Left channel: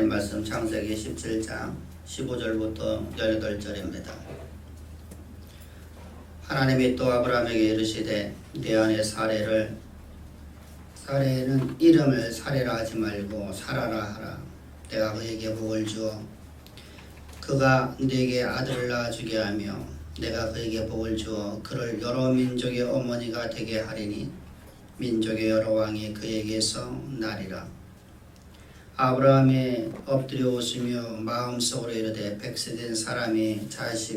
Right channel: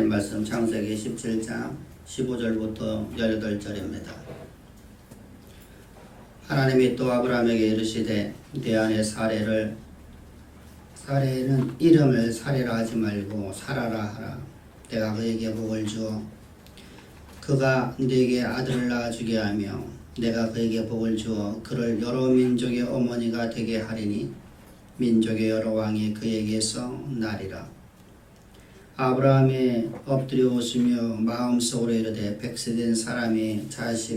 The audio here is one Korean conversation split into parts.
하나님 말씀 창세기 17장 15절부터 18절입니다. 하나님이 또 아브라함에게 이르시되 내 아내 사레는 이름을 사레라 하지 말고 사라라 하라. 내가 그에게 복을 주어 그가 네게 아들을 낳아주게 하며 내가 그에게 복을 주어 그를 여러 민족의 어머니가 되게 하리니 민족의 여러 왕이 그에게서 나리라. 아브라함이 엎드려 웃으며 마음속으로 이르되 100세 된 사람이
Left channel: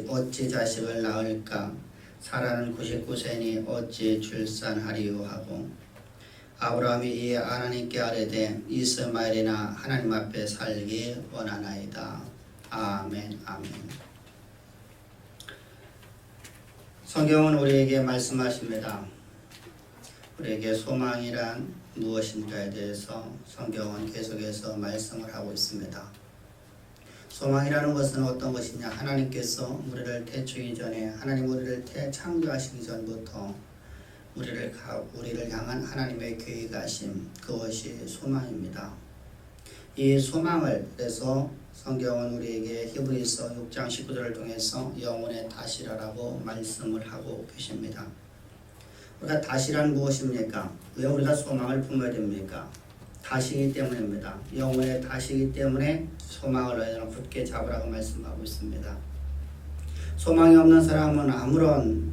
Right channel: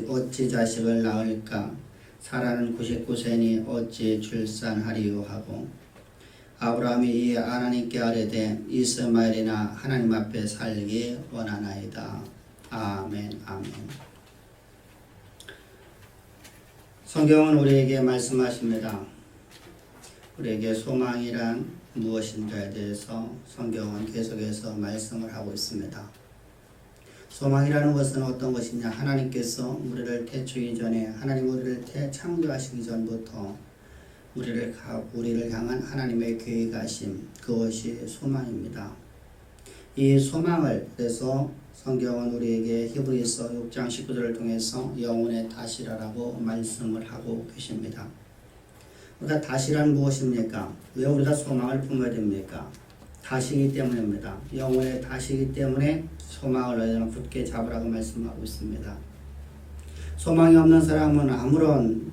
어찌 자식을 낳을까? 사라는 99세니 어찌 출산하리요 하고 아브라함이 이에 하나님께 아뢰되 이스마엘이나 하나님 앞에 살기 원하나이다. 아멘. 아멘. 성경은 우리에게 말씀하십니다. 우리에게 소망이란 무엇인가에 대해서 성경은 계속해서 말씀을 하고 있습니다. 소망이라는 것은 어떤 것이냐? 하나님께서 우리를 태초이기 전에 하나님 우리를 창조하시기 전부터 우리를 향한 하나님의 계획하심, 그것이 소망입니다. 이 소망을 그래서 성경은 우리에게 히브리서 6장 19절을 통해서 영혼의 다시라라고 말씀을 하고 계십니다. 우리가 다시란 무엇입니까? 왜 우리가 소망을 품어야 됩니까? 다시기 때문입니다. 영혼의 다시기 때문에 소망을 너희는 굳게 잡으라고 말씀하고 있습니다. 소망이 없는 사람은 아무런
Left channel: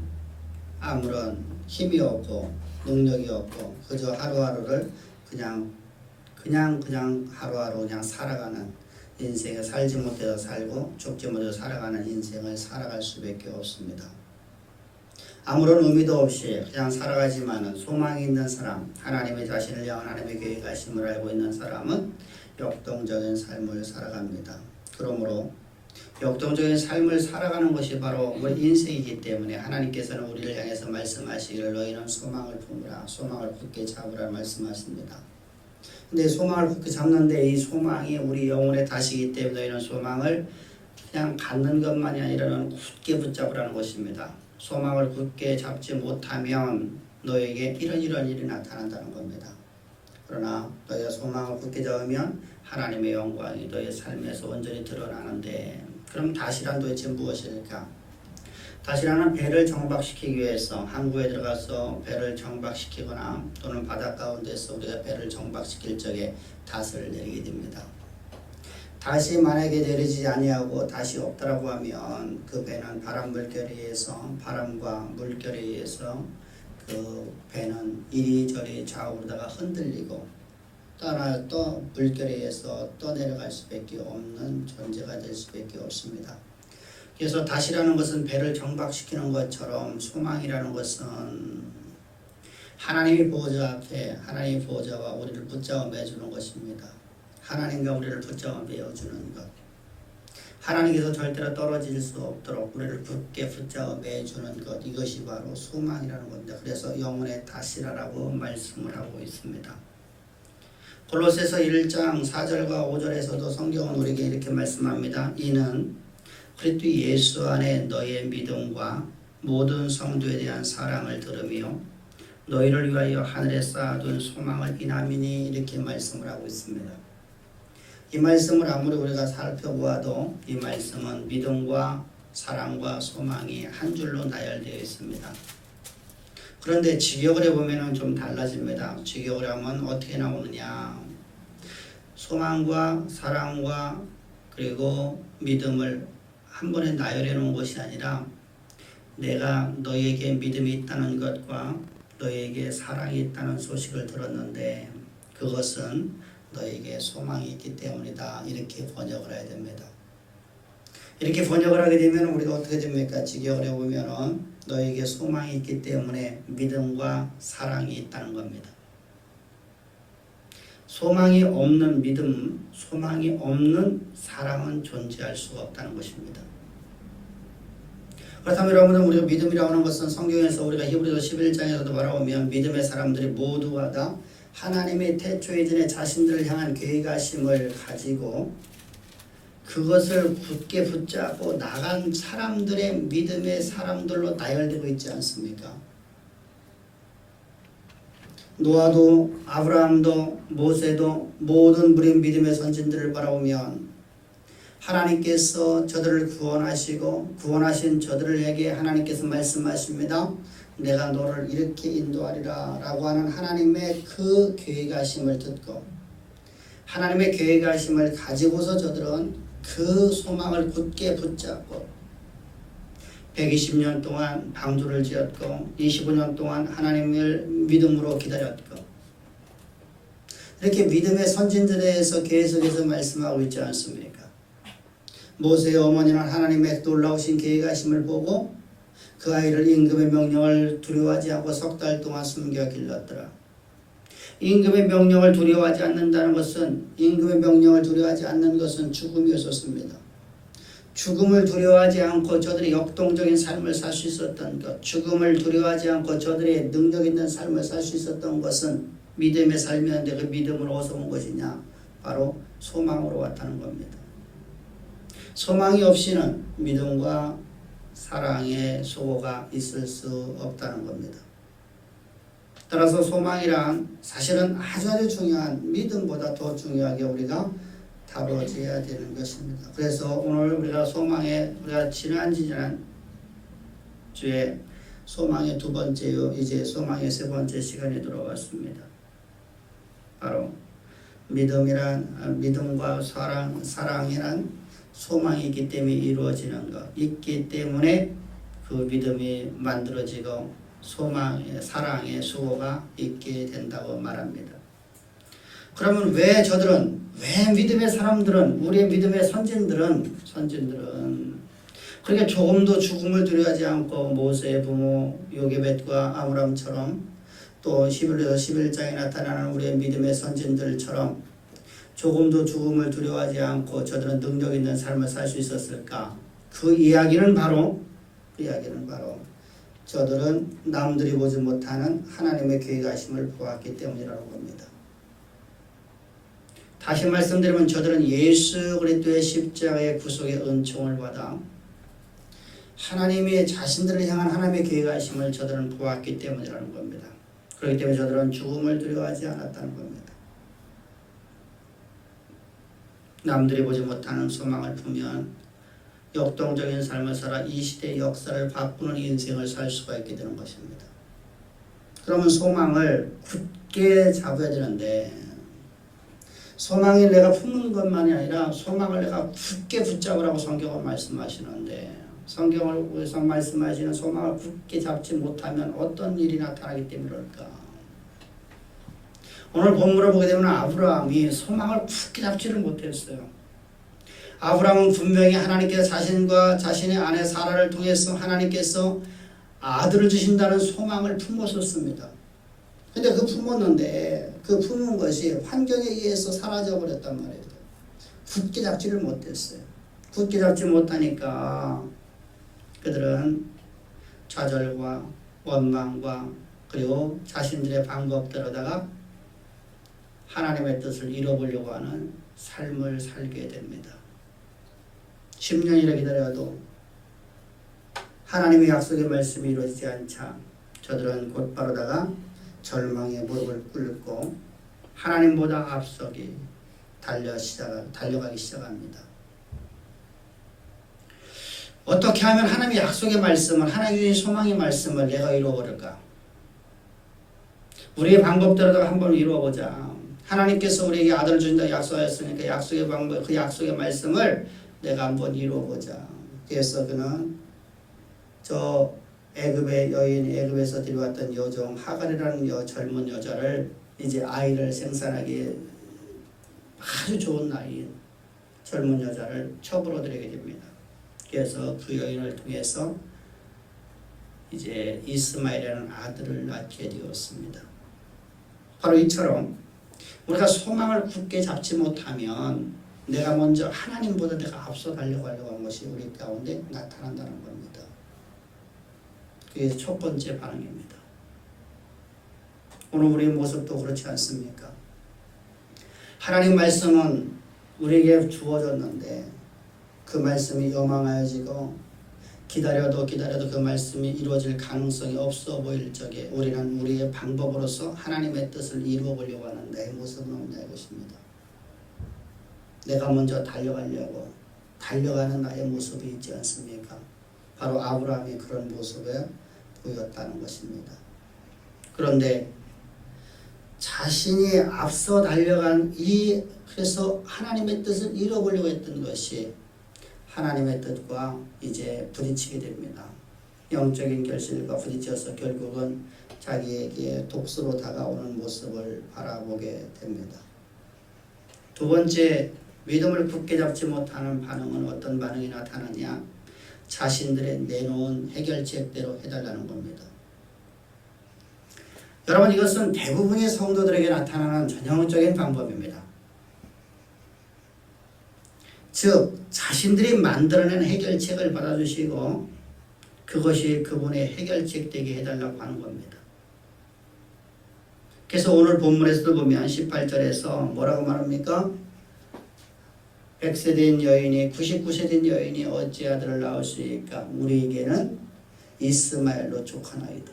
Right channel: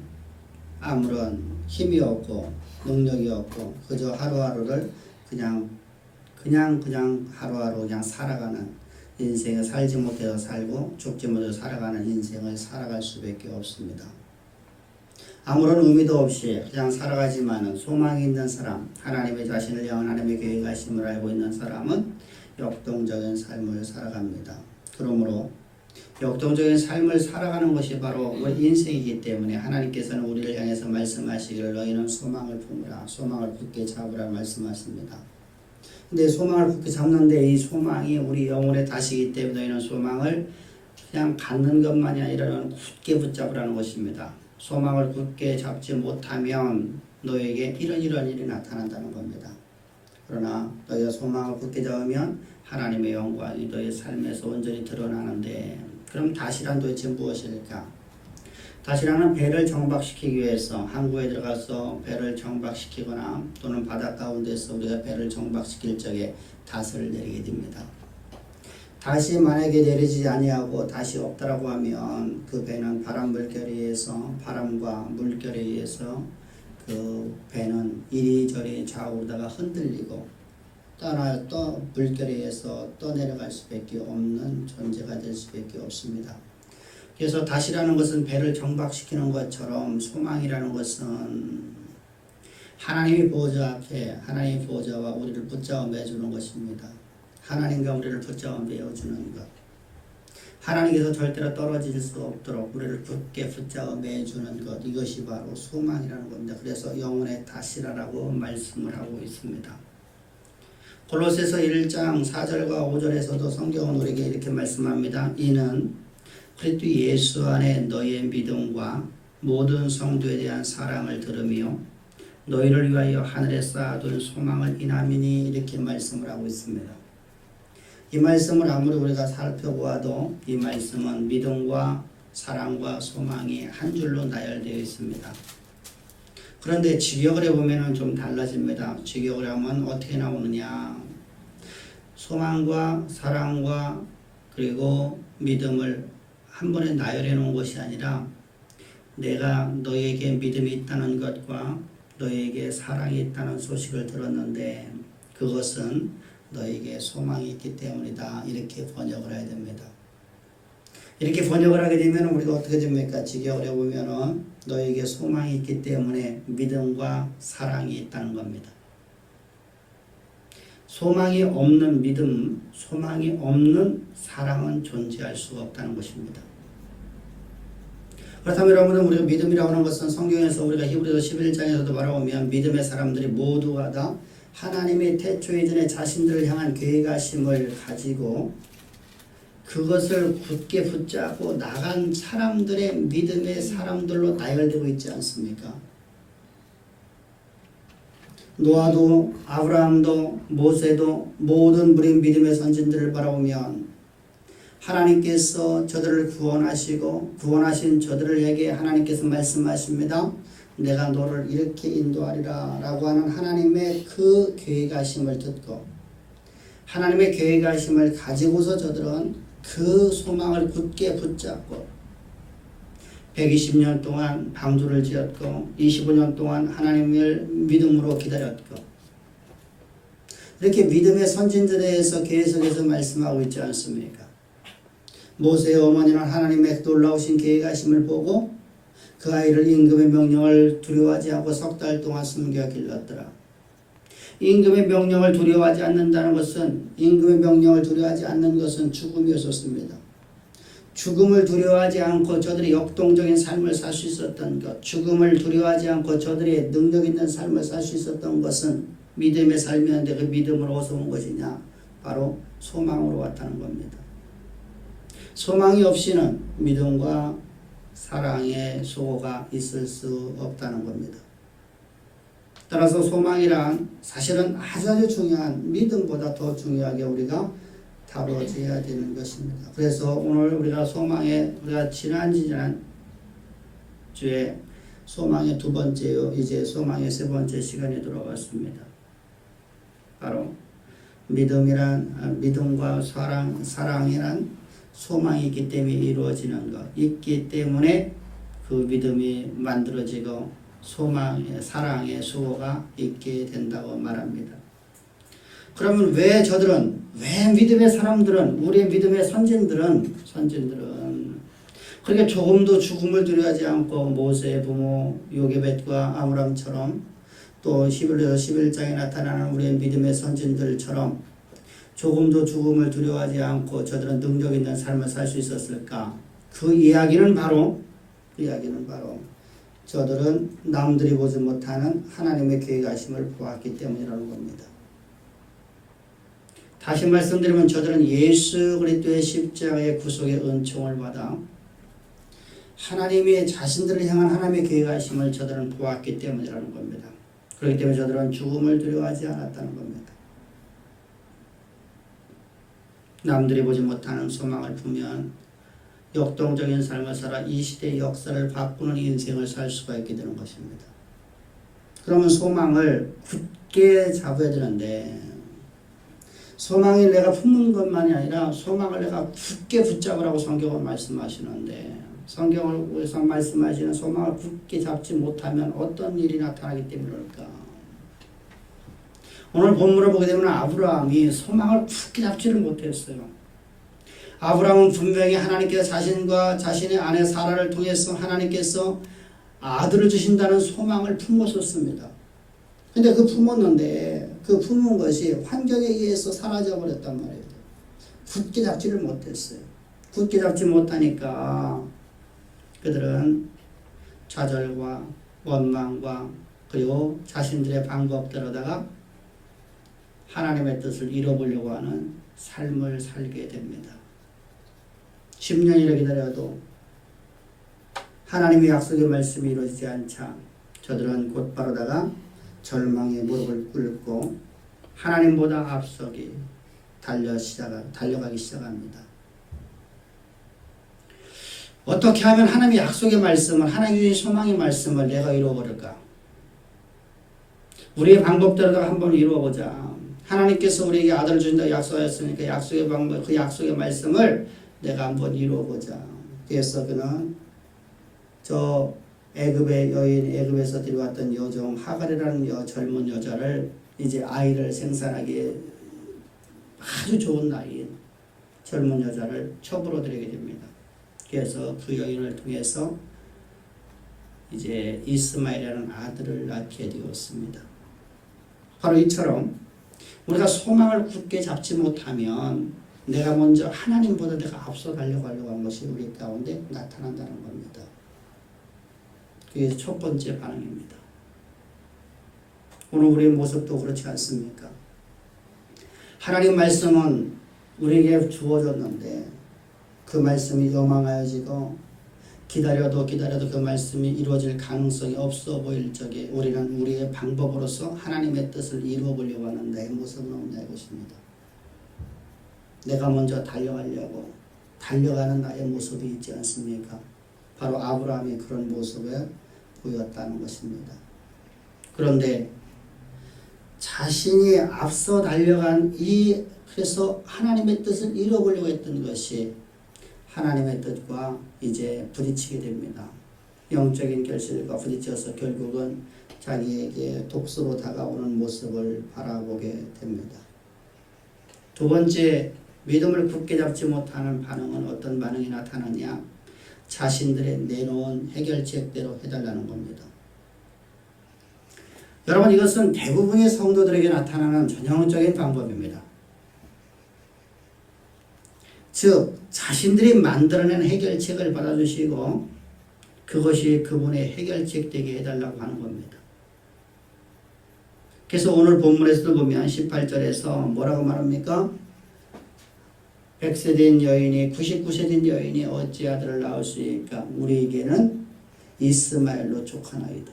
힘이 없고 능력이 없고 그저 하루하루를 그냥 하루하루 그냥 살아가는 인생을 살지 못해서 살고 죽지 못해서 살아가는 인생을 살아갈 수밖에 없습니다. 아무런 의미도 없이 그냥 살아가지만은 소망이 있는 사람, 하나님의 자신을 향한 하나님의 계획하심을 알고 있는 사람은 역동적인 삶을 살아갑니다. 그러므로 역동적인 삶을 살아가는 것이 바로 우리 인생이기 때문에 하나님께서는 우리를 향해서 말씀하시기를 너희는 소망을 품으라, 소망을 굳게 잡으라 말씀하십니다. 근데 소망을 굳게 잡는데 이 소망이 우리 영혼의 다시기 때문에 너희는 소망을 그냥 갖는 것만이 아니라 굳게 붙잡으라는 것입니다. 소망을 굳게 잡지 못하면 너에게 이런 일이 나타난다는 겁니다. 그러나 너희가 소망을 굳게 잡으면 하나님의 영광이 너희 삶에서 온전히 드러나는데 그럼 다시란 도대체 무엇일까? 다시란은 배를 정박시키기 위해서 항구에 들어가서 배를 정박시키거나 또는 바다 가운데서 우리가 배를 정박시킬 적에 닷을 내리게 됩니다. 다시 만약에 내리지 아니하고 다시 없다라고 하면 그 배는 바람과 물결에 의해서 그 배는 이리저리 좌우로다가 흔들리고 또 물결에 의해서 떠내려갈 수밖에 없는 존재가 될 수밖에 없습니다. 그래서 다시라는 것은 배를 정박시키는 것처럼 소망이라는 것은 하나님의 보호자 앞에 하나님의 보호자와 우리를 붙잡아 매주는 것입니다. 하나님과 우리를 붙잡아 매어주는 것, 하나님께서 절대로 떨어질 수 없도록 우리를 굳게 붙잡아 매주는 것, 이것이 바로 소망이라는 겁니다. 그래서 영혼의 다시라라고 말씀을 하고 있습니다. 골로새서 1장 4절과 5절에서도 성경은 우리에게 이렇게 말씀합니다. 이는 그리스도 예수 안에 너희의 믿음과 모든 성도에 대한 사랑을 들으며 너희를 위하여 하늘에 쌓아둔 소망을 인함이니 이렇게 말씀을 하고 있습니다. 이 말씀을 아무리 우리가 살펴보아도 이 말씀은 믿음과 사랑과 소망이 한 줄로 나열되어 있습니다. 그런데 직역을 해보면 좀 달라집니다. 직역을 하면 어떻게 나오느냐? 소망과 사랑과 그리고 믿음을 한 번에 나열해 놓은 것이 아니라 내가 너희에게 믿음이 있다는 것과 너희에게 사랑이 있다는 소식을 들었는데 그것은 너에게 소망이 있기 때문이다. 이렇게 번역을 해야 됩니다. 이렇게 번역을 하게 되면 우리가 어떻게 됩니까? 직역을 해보면 너에게 소망이 있기 때문에 믿음과 사랑이 있다는 겁니다. 소망이 없는 믿음, 소망이 없는 사랑은 존재할 수가 없다는 것입니다. 그렇다면 여러분은 우리가 믿음이라고 하는 것은 성경에서 우리가 히브리서 11장에서도 말하면 믿음의 사람들이 모두가 다 하나님의 태초 이전에 자신들을 향한 계획하심을 가지고 그것을 굳게 붙잡고 나간 사람들의 믿음의 사람들로 나열되고 있지 않습니까? 노아도 아브라함도 모세도 모든 우리 믿음의 선진들을 바라보면 하나님께서 저들을 구원하시고 구원하신 저들에게 하나님께서 말씀하십니다. 내가 너를 이렇게 인도하리라 라고 하는 하나님의 그 계획하심을 듣고 하나님의 계획하심을 가지고서 저들은 그 소망을 굳게 붙잡고 120년 동안 방주를 지었고 25년 동안 하나님을 믿음으로 기다렸고 이렇게 믿음의 선진들에 대해서 계속해서 말씀하고 있지 않습니까? 모세의 어머니는 하나님의 놀라우신 계획하심을 보고 그 아이를 임금의 명령을 두려워하지 않고 석 달 동안 숨겨 길렀더라. 임금의 명령을 두려워하지 않는다는 것은 임금의 명령을 두려워하지 않는 것은 죽음이었습니다. 죽음을 두려워하지 않고 저들이 역동적인 삶을 살 수 있었던 것, 죽음을 두려워하지 않고 저들의 능력 있는 삶을 살 수 있었던 것은 믿음의 삶이었는데 그 믿음으로 어디서 온 것이냐? 바로 소망으로 왔다는 겁니다. 소망이 없이는 믿음과 사랑의 소고가 있을 수 없다는 겁니다. 따라서 소망이란 사실은 아주 중요한 믿음보다 더 중요하게 우리가 다뤄져야 되는 것입니다. 그래서 오늘 우리가 지난 주에 소망의 두 번째요, 이제 소망의 세 번째 시간에 들어갔습니다. 바로 믿음과 사랑이란 소망이 있기 때문에 이루어지는 것, 있기 때문에 그 믿음이 만들어지고 사랑의 수고가 있게 된다고 말합니다. 그러면 왜 믿음의 사람들은, 우리의 믿음의 선진들은 그렇게 조금도 죽음을 두려워하지 않고 모세의 부모 요게벳과 아브람처럼 또 11장에 나타나는 우리의 믿음의 선진들처럼 조금도 죽음을 두려워하지 않고 저들은 능력 있는 삶을 살 수 있었을까? 그 이야기는 바로 저들은 남들이 보지 못하는 하나님의 계획하심을 보았기 때문이라는 겁니다. 다시 말씀드리면 저들은 예수 그리스도의 십자가의 구속의 은총을 받아 하나님의 자신들을 향한 하나님의 계획하심을 저들은 보았기 때문이라는 겁니다. 그렇기 때문에 저들은 죽음을 두려워하지 않았다는 겁니다. 남들이 보지 못하는 소망을 품으면 역동적인 삶을 살아 이 시대의 역사를 바꾸는 인생을 살 수가 있게 되는 것입니다. 그러면 소망을 굳게 잡아야 되는데 소망이 내가 품는 것만이 아니라 소망을 내가 굳게 붙잡으라고 성경은 말씀하시는데 성경에서 말씀하시는 소망을 굳게 잡지 못하면 어떤 일이 나타나기 때문일까? 오늘 본문을 보게 되면 아브라함이 소망을 굳게 잡지를 못했어요. 아브라함은 분명히 하나님께서 자신과 자신의 아내 사라를 통해서 하나님께서 아들을 주신다는 소망을 품었었습니다. 근데 그 품은 것이 환경에 의해서 사라져 버렸단 말이에요. 굳게 잡지를 못했어요. 굳게 잡지 못하니까 그들은 좌절과 원망과 그리고 자신들의 방법대로다가 하나님의 뜻을 잃어보려고 하는 삶을 살게 됩니다. 10년이나 기다려도 하나님의 약속의 말씀이 이루어지지 않자 저들은 곧바로다가 절망의 무릎을 꿇고 하나님보다 앞서기 달려가기 시작합니다. 어떻게 하면 하나님의 약속의 말씀을, 하나님의 소망의 말씀을 내가 이루어버릴까? 우리의 방법대로 한번 이루어보자. 하나님께서 우리에게 아들을 주신다고 약속하였으니까 약속의 방법, 그 약속의 말씀을 내가 한번 이루어보자. 그래서 그는 저 애굽의 여인, 애굽에서 데려왔던 여종 하갈이라는 젊은 여자를 이제 아이를 생산하기에 아주 좋은 나이인 젊은 여자를 첩으로 들이게 됩니다. 그래서 그 여인을 통해서 이제 이스마엘이라는 아들을 낳게 되었습니다. 바로 이처럼 우리가 소망을 굳게 잡지 못하면 내가 먼저 하나님보다 내가 앞서 달려가려고 한 것이 우리 가운데 나타난다는 겁니다. 그게 첫 번째 반응입니다. 오늘 우리의 모습도 그렇지 않습니까? 하나님 말씀은 우리에게 주어졌는데 그 말씀이 요망하여지고 기다려도 그 말씀이 이루어질 가능성이 없어 보일 적에 우리는 우리의 방법으로서 하나님의 뜻을 이루어 보려고 하는 내 모습은 없냐 이것입니다. 내가 먼저 달려가려고 달려가는 나의 모습이 있지 않습니까? 바로 아브라함이 그런 모습을 보였다는 것입니다. 그런데 자신이 앞서 달려간 그래서 하나님의 뜻을 이뤄보려고 했던 것이 하나님의 뜻과 이제 부딪히게 됩니다. 영적인 결실과 부딪혀서 결국은 자기에게 독수로 다가오는 모습을 바라보게 됩니다. 두 번째, 믿음을 굳게 잡지 못하는 반응은 어떤 반응이 나타나냐? 자신들의 내놓은 해결책대로 해달라는 겁니다. 여러분, 이것은 대부분의 성도들에게 나타나는 전형적인 방법입니다. 즉 자신들이 만들어낸 해결책을 받아주시고 그것이 그분의 해결책 되게 해달라고 하는 겁니다. 그래서 오늘 본문에서도 보면 18절에서 뭐라고 말합니까? 100세 된 여인이 99세 된 여인이 어찌 아들을 낳을 수 있을까? 우리에게는 이스마엘로 족하나이다.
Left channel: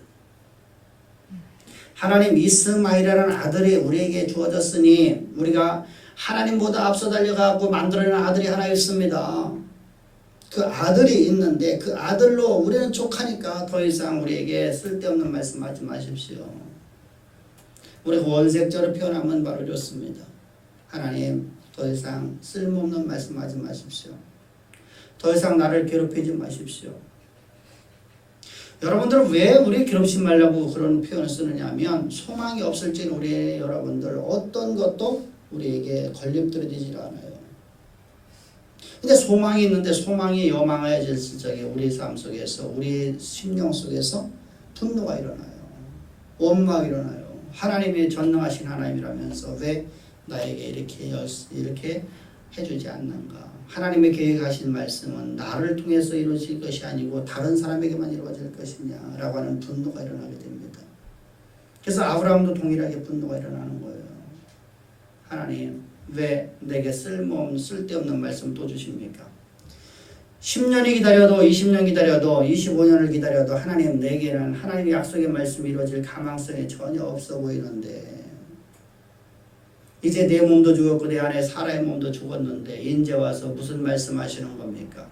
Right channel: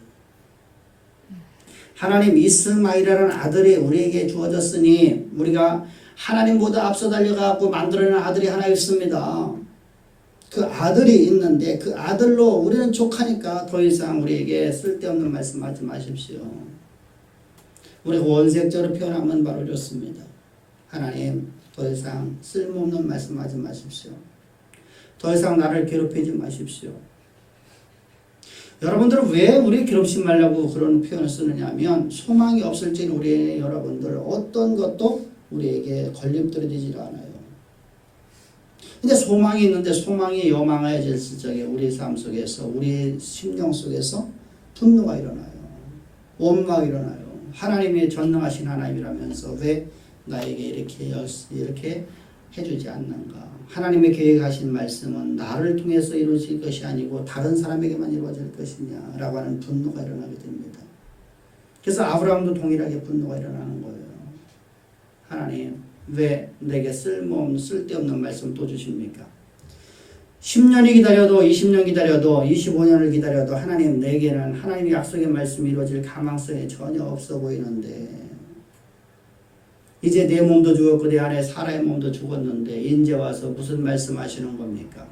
하나님 이스마엘이라는 아들이 우리에게 주어졌으니 우리가 하나님보다 앞서 달려가고 만들어낸 아들이 하나 있습니다. 그 아들이 있는데 그 아들로 우리는 족하니까 더 이상 우리에게 쓸데없는 말씀하지 마십시오. 우리가 원색적으로 표현하면 바로 좋습니다. 하나님 더 이상 쓸모없는 말씀하지 마십시오. 더 이상 나를 괴롭히지 마십시오. 여러분들은 왜 우리 괴롭히지 말라고 그런 표현을 쓰느냐 하면 소망이 없을 때 우리 여러분들 어떤 것도 우리에게 걸림돌이 되질 않아요. 근데 소망이 있는데 소망이 요망해졌을 적에 우리 삶 속에서 우리 심령 속에서 분노가 일어나요. 원망이 일어나요. 하나님이 전능하신 하나님이라면서 왜 나에게 이렇게 해주지 않는가? 하나님의 계획하신 말씀은 나를 통해서 이루어질 것이 아니고 다른 사람에게만 이루어질 것이냐라고 하는 분노가 일어나게 됩니다. 그래서 아브라함도 동일하게 분노가 일어나는 거예요. 하나님 왜 내게 쓸데없는 말씀 또 주십니까? 10년이 기다려도 20년 기다려도 25년을 기다려도 하나님 내게는 하나님의 약속의 말씀이 이루어질 가망성이 전혀 없어 보이는데 이제 내 몸도 죽었고 내 안에 사라의 몸도 죽었는데 이제 와서 무슨 말씀하시는 겁니까?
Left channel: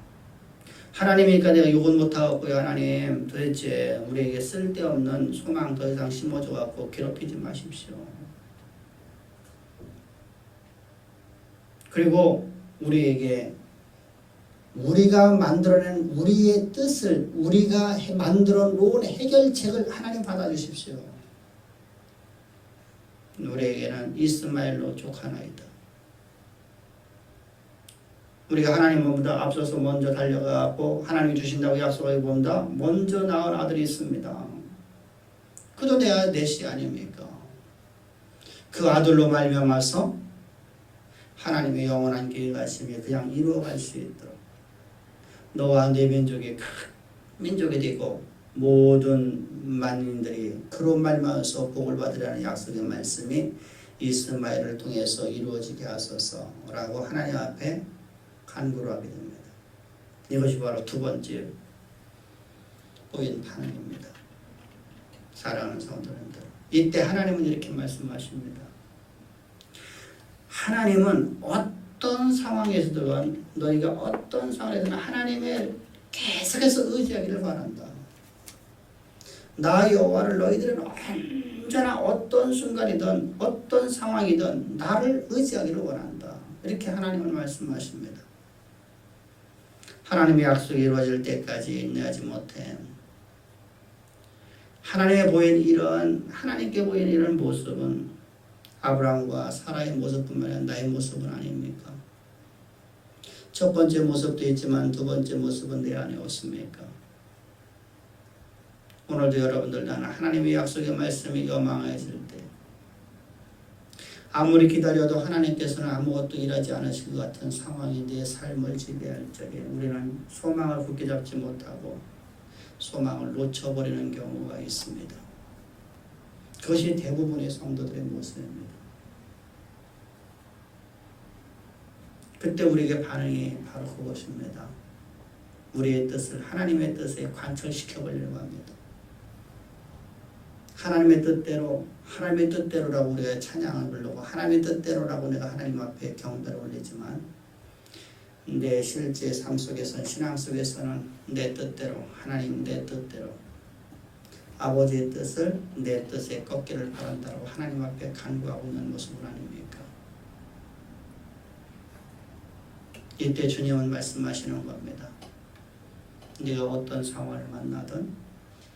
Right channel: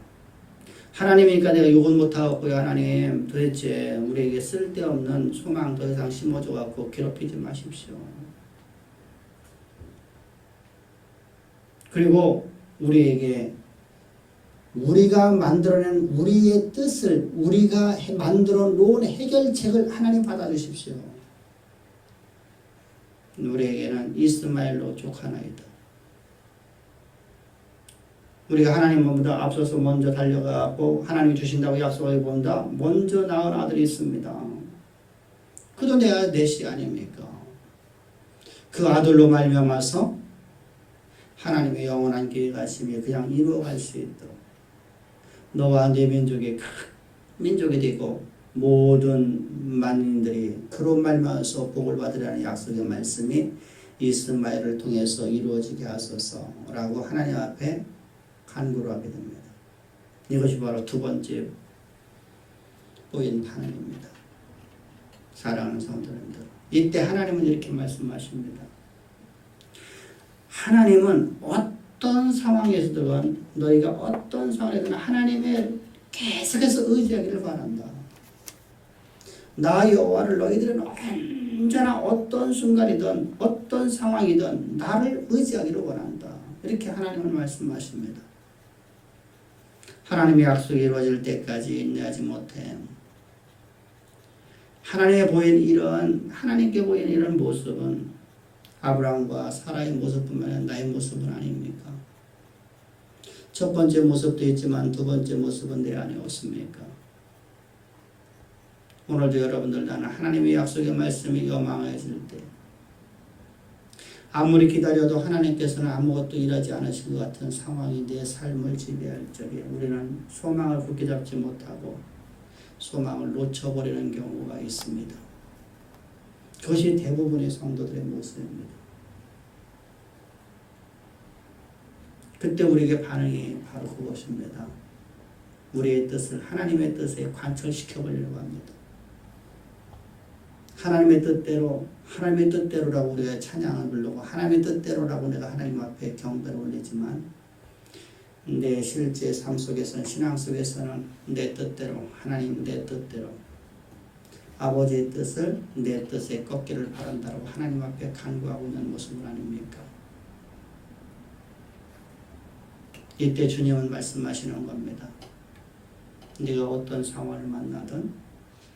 하나님이니까 내가 욕은 못하겠고요. 하나님 도대체 우리에게 쓸데없는 소망 더 이상 심어줘갖고 괴롭히지 마십시오. 그리고 우리에게 우리가 만들어낸 우리의 뜻을 우리가 만들어 놓은 해결책을 하나님 받아주십시오. 우리에게는 이스마엘로 족하나이다. 우리가 하나님보다 앞서서 먼저 달려가고 하나님이 주신다고 약속을 본다. 먼저 낳은 아들이 있습니다. 그도 내 씨 아닙니까? 그 아들로 말미암아서 하나님의 영원한 계획하심이 그냥 이루어갈 수 있도록 너와 내 민족이 큰 민족이 되고 모든 만인들이 그로 말미암아서 복을 받으라는 약속의 말씀이 이스마엘을 통해서 이루어지게 하소서라고 하나님 앞에 간구를 하게 됩니다. 이것이 바로 두 번째 보인 반응입니다. 사랑하는 성도님들, 이때 하나님은 이렇게 말씀하십니다. 하나님은 어떤 상황에서든 너희가 어떤 상황에서든 하나님의 계속해서 의지하기를 바란다. 나 여호와를 너희들은 언제나 어떤 순간이든 어떤 상황이든 나를 의지하기를 원한다. 이렇게 하나님은 말씀하십니다. 하나님의 약속이 이루어질 때까지 인내하지 못해. 하나님께 보인 이런 모습은 아브라함과 사라의 모습뿐만 아니라 나의 모습은 아닙니까? 첫 번째 모습도 있지만 두 번째 모습은 내 안에 없습니까? 오늘도 여러분들 나는 하나님의 약속의 말씀이 요망해질 때 아무리 기다려도 하나님께서는 아무것도 일하지 않으실 것 같은 상황이 내 삶을 지배할 적에 우리는 소망을 굳게 잡지 못하고 소망을 놓쳐버리는 경우가 있습니다. 그것이 대부분의 성도들의 모습입니다. 그때 우리에게 반응이 바로 그것입니다. 우리의 뜻을 하나님의 뜻에 관철시켜 보려고 합니다. 하나님의 뜻대로라고 우리가 찬양을 부르고 하나님의 뜻대로라고 내가 하나님 앞에 경배를 올리지만 내 실제 삶 속에서는 신앙 속에서는 내 뜻대로 하나님 내 뜻대로 아버지의 뜻을 내 뜻에 꺾기를 바란다고 하나님 앞에 간구하고 있는 모습을 아닙니까? 이때 주님은 말씀하시는 겁니다. 네가 어떤 상황을 만나든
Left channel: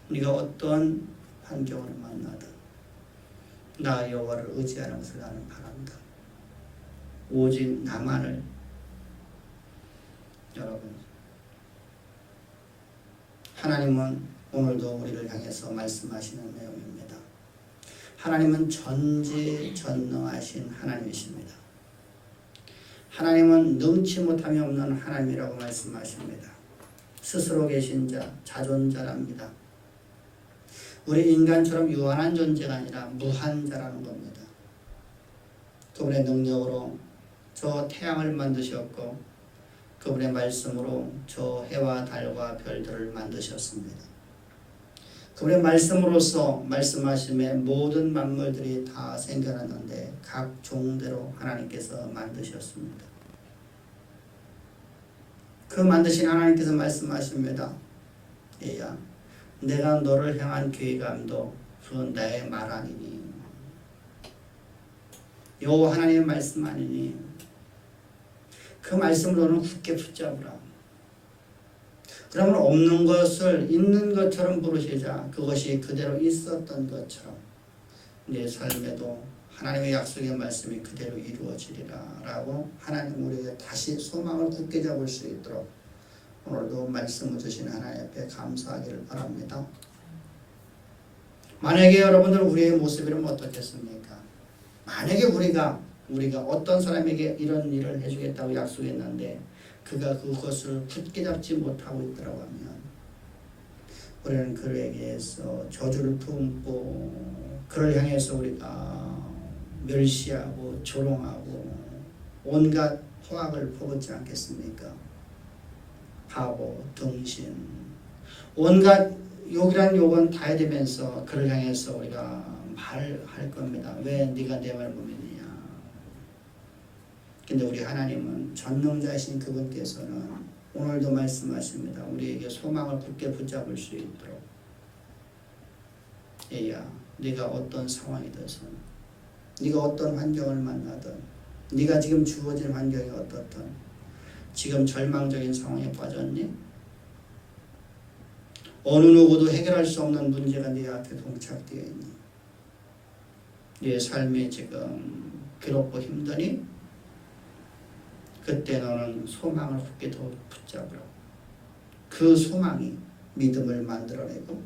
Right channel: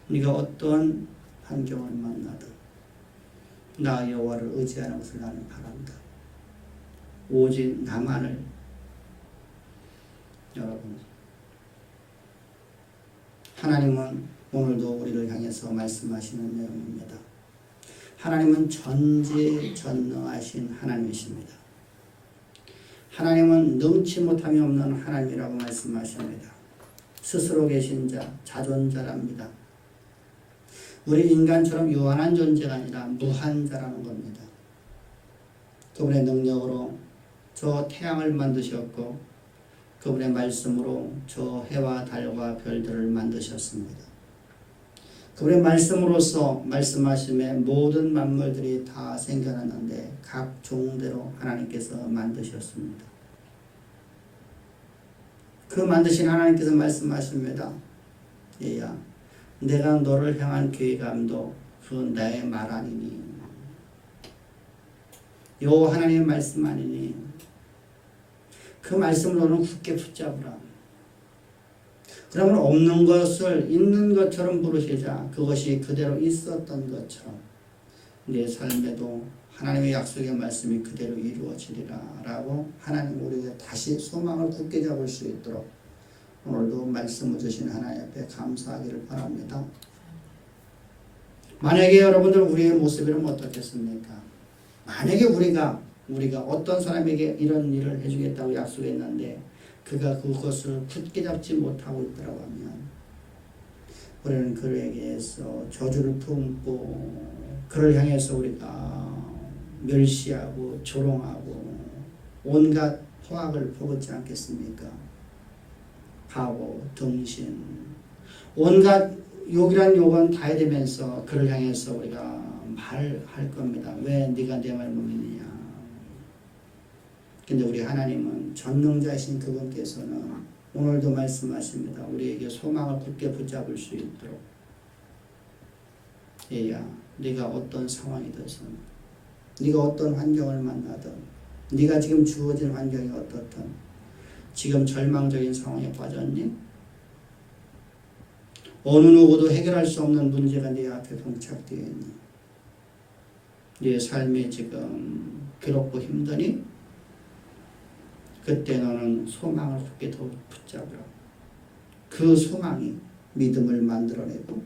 네가 어떤 환경을 만나든 나 여호와를 의지하는 것을 나는 바란다. 오직 나만을. 여러분, 하나님은 오늘도 우리를 향해서 말씀하시는 내용입니다. 하나님은 전지전능하신 하나님이십니다. 하나님은 능치 못함이 없는 하나님이라고 말씀하십니다. 스스로 계신 자, 자존자랍니다. 우리 인간처럼 유한한 존재가 아니라 무한자라는 겁니다. 그분의 능력으로 저 태양을 만드셨고 그분의 말씀으로 저 해와 달과 별들을 만드셨습니다. 그분의 말씀으로서 말씀하심에 모든 만물들이 다 생겨났는데 각 종대로 하나님께서 만드셨습니다. 그 만드신 하나님께서 말씀하십니다. 얘야, 내가 너를 향한 계획함도 그 나의 말 아니니 여호와 하나님의 말씀 아니니 그 말씀을 너는 굳게 붙잡으라. 그러면 없는 것을 있는 것처럼 부르시자 그것이 그대로 있었던 것처럼 내 삶에도 하나님의 약속의 말씀이 그대로 이루어지리라 라고 하나님 우리에게 다시 소망을 굳게 잡을 수 있도록 오늘도 말씀을 주신 하나님 앞에 감사하기를 바랍니다. 만약에 여러분들 우리의 모습이라면 어떻겠습니까? 만약에 우리가 어떤 사람에게 이런 일을 해주겠다고 약속했는데 그가 그것을 굳게 잡지 못하고 있더라고 하면 우리는 그에게서 저주를 품고 그를 향해서 우리가 멸시하고 조롱하고 온갖 포악을 퍼붓지 않겠습니까? 바보, 등신 온갖 욕이란 욕은 다 해대면서 그를 향해서 우리가 말할 겁니다. 왜 네가 내 말 못 믿느냐. 근데 우리 하나님은 전능자이신 그분께서는 오늘도 말씀하십니다. 우리에게 소망을 굳게 붙잡을 수 있도록 얘야, 네가 어떤 상황이든지 네가 어떤 환경을 만나든 네가 지금 주어진 환경이 어떻든 지금 절망적인 상황에 빠졌니? 어느 누구도 해결할 수 없는 문제가 네 앞에 봉착되어 있니? 네 삶이 지금 괴롭고 힘드니? 그때 너는 소망을 굳게 더 붙잡으라. 그 소망이 믿음을 만들어내고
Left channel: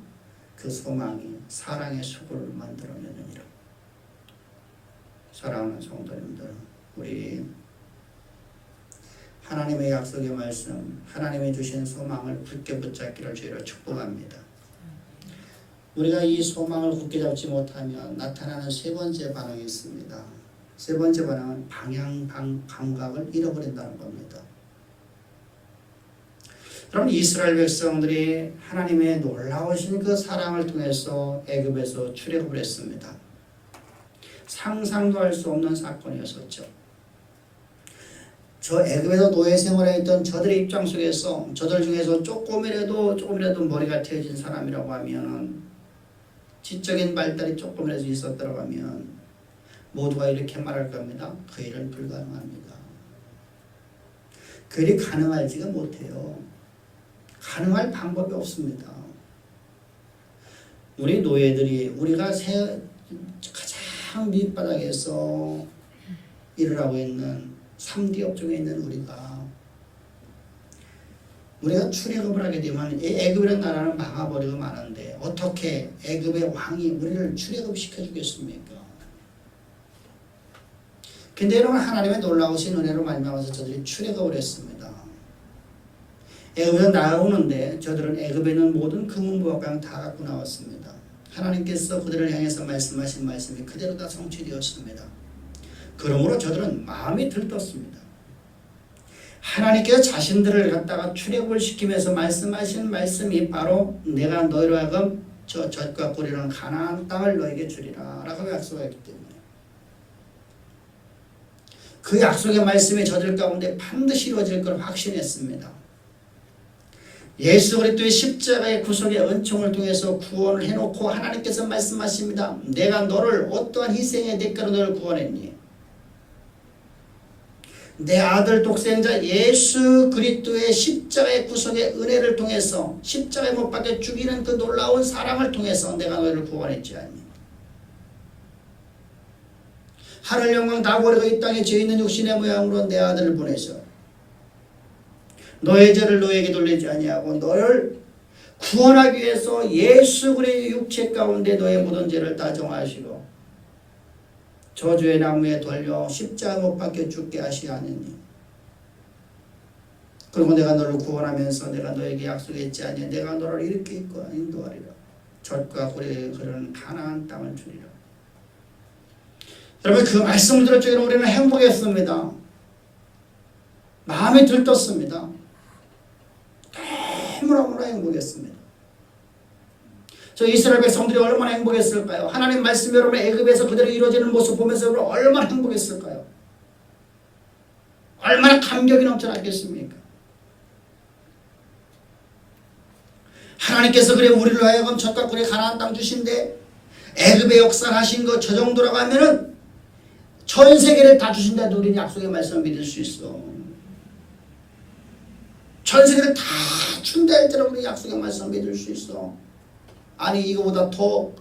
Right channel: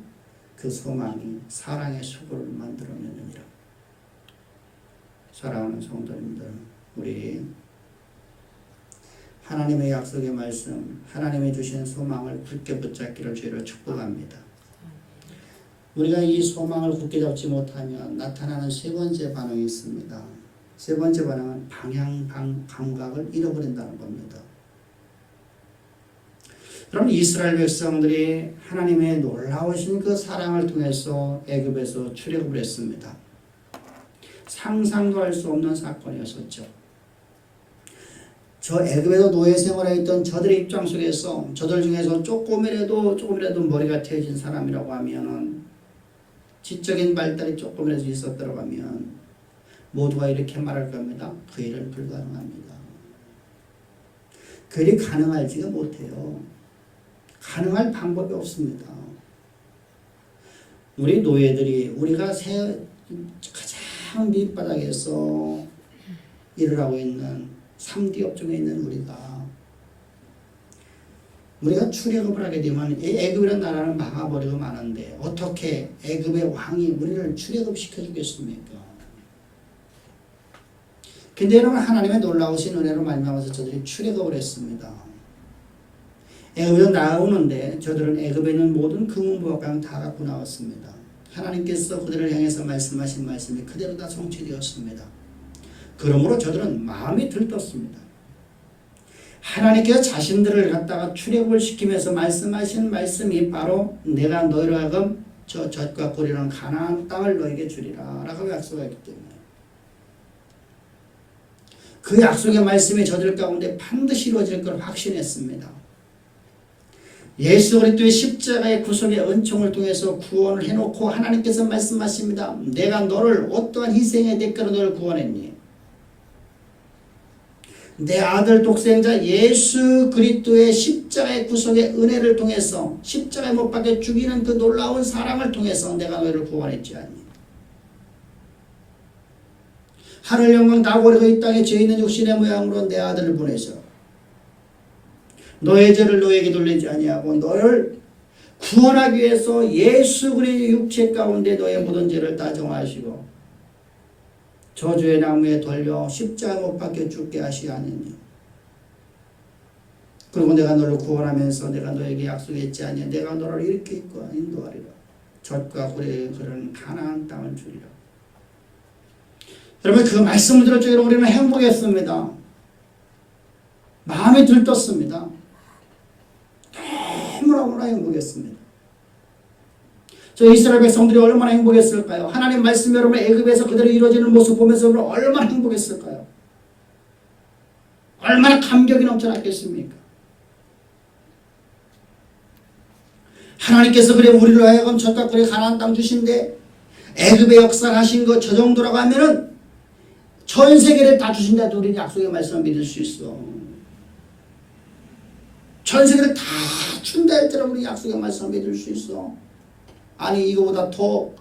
그 소망이 사랑의 수고를 만들어내느니라. 사랑하는 성도님들, 우리 하나님의 약속의 말씀, 하나님이 주신 소망을 굳게 붙잡기를 주의로 축복합니다. 우리가 이 소망을 굳게 잡지 못하면 나타나는 세 번째 반응이 있습니다. 세 번째 반응은 방향 감각을 잃어버린다는 겁니다. 그럼 이스라엘 백성들이 하나님의 놀라우신 그 사랑을 통해서 애굽에서 출애굽을 했습니다. 상상도 할 수 없는 사건이었었죠. 저 애굽에서 노예 생활에 있던 저들의 입장 속에서 저들 중에서 조금이라도 머리가 트여진 사람이라고 하면은 지적인 발달이 조금이라도 있었더라고 하면 모두가 이렇게 말할 겁니다. 그 일은 불가능합니다. 그 일이 가능할지가 못해요. 가능할 방법이 없습니다. 우리 노예들이 우리가 가장 밑바닥에서 일을 하고 있는 3D 업종에 있는 우리가 출애굽을 하게 되면 애굽이라는 나라는 망해버리고 마는데 어떻게 애굽의 왕이 우리를 출애굽시켜 주겠습니까? 근데 여러분 하나님의 놀라우신 은혜로 말미암아서 저들이 출애굽을 했습니다. 애굽에서 나오는데 저들은 애굽에 있는 모든 금은보화관 다 갖고 나왔습니다. 하나님께서 그들을 향해서 말씀하신 말씀이 그대로 다 성취되었습니다. 그러므로 저들은 마음이 들떴습니다. 하나님께서 자신들을 갖다가 출애굽을 시키면서 말씀하신 말씀이 바로 내가 너희로 하여금 저 젖과 꿀이라는 가나안 땅을 너에게 주리라 라고 약속했기 때문에 그 약속의 말씀이 저들 가운데 반드시 이루어질 걸 확신했습니다. 예수 그리스도의 십자가의 구속의 은총을 통해서 구원을 해놓고 하나님께서 말씀하십니다. 내가 너를 어떠한 희생의 대가로 너를 구원했니? 내 아들 독생자 예수 그리스도의 십자가의 구속의 은혜를 통해서 십자가에 못 박혀 죽이는 그 놀라운 사랑을 통해서 내가 너희를 구원했지 않니? 하늘 영광 다 버리고 이 땅에 죄 있는 육신의 모양으로 내 아들을 보내서 너의 죄를 너에게 돌리지 아니하고 너를 구원하기 위해서 예수 그리스도의 육체 가운데 너의 모든 죄를 다 정하시고 저주의 나무에 돌려 십자가 못 박혀 죽게 하시하느니 그리고 내가 너를 구원하면서 내가 너에게 약속했지 아니하 내가 너를 이렇게 인도하리라. 젖과 꿀이 흐르는 가나안 땅을 주리라. 여러분 그 말씀을 들을 때 우리는 행복했습니다. 마음이 들떴습니다. 너무나 행복했습니다. 저 이스라엘 백성들이 얼마나 행복했을까요? 하나님 말씀이 여러분 애굽에서 그대로 이루어지는 모습 보면서 여러분 얼마나 행복했을까요? 얼마나 감격이 넘쳐났겠습니까? 하나님께서 그래 우리를 하여금 젖과 꿀의 가나안 땅 주신데 애굽의 역사를 하신 거 저 정도라고 하면은 전 세계를 다 주신다도 우리는 약속의 말씀을 믿을 수 있어. 전 세계를 다 준다 할때는 우리 약속의 말씀을 믿을 수 있어. 아니 이거보다 더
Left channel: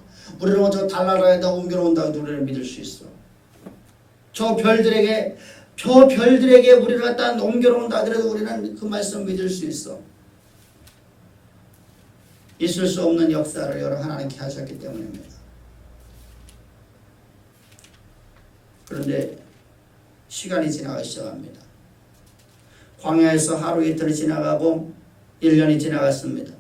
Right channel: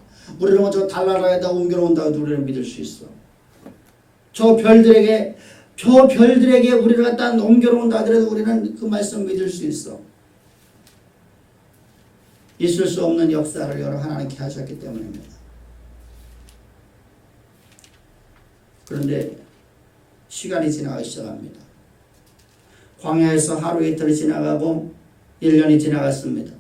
우리는 저 달나라에다 옮겨놓는다고 우리는 믿을 수 있어. 저 별들에게 우리를 갖다 옮겨놓는다 하더라도 우리는 그 말씀을 믿을 수 있어. 있을 수 없는 역사를 여러 하나님께 하셨기 때문입니다. 그런데 시간이 지나가기 시작합니다. 광야에서 하루 이틀이 지나가고 1년이 지나갔습니다.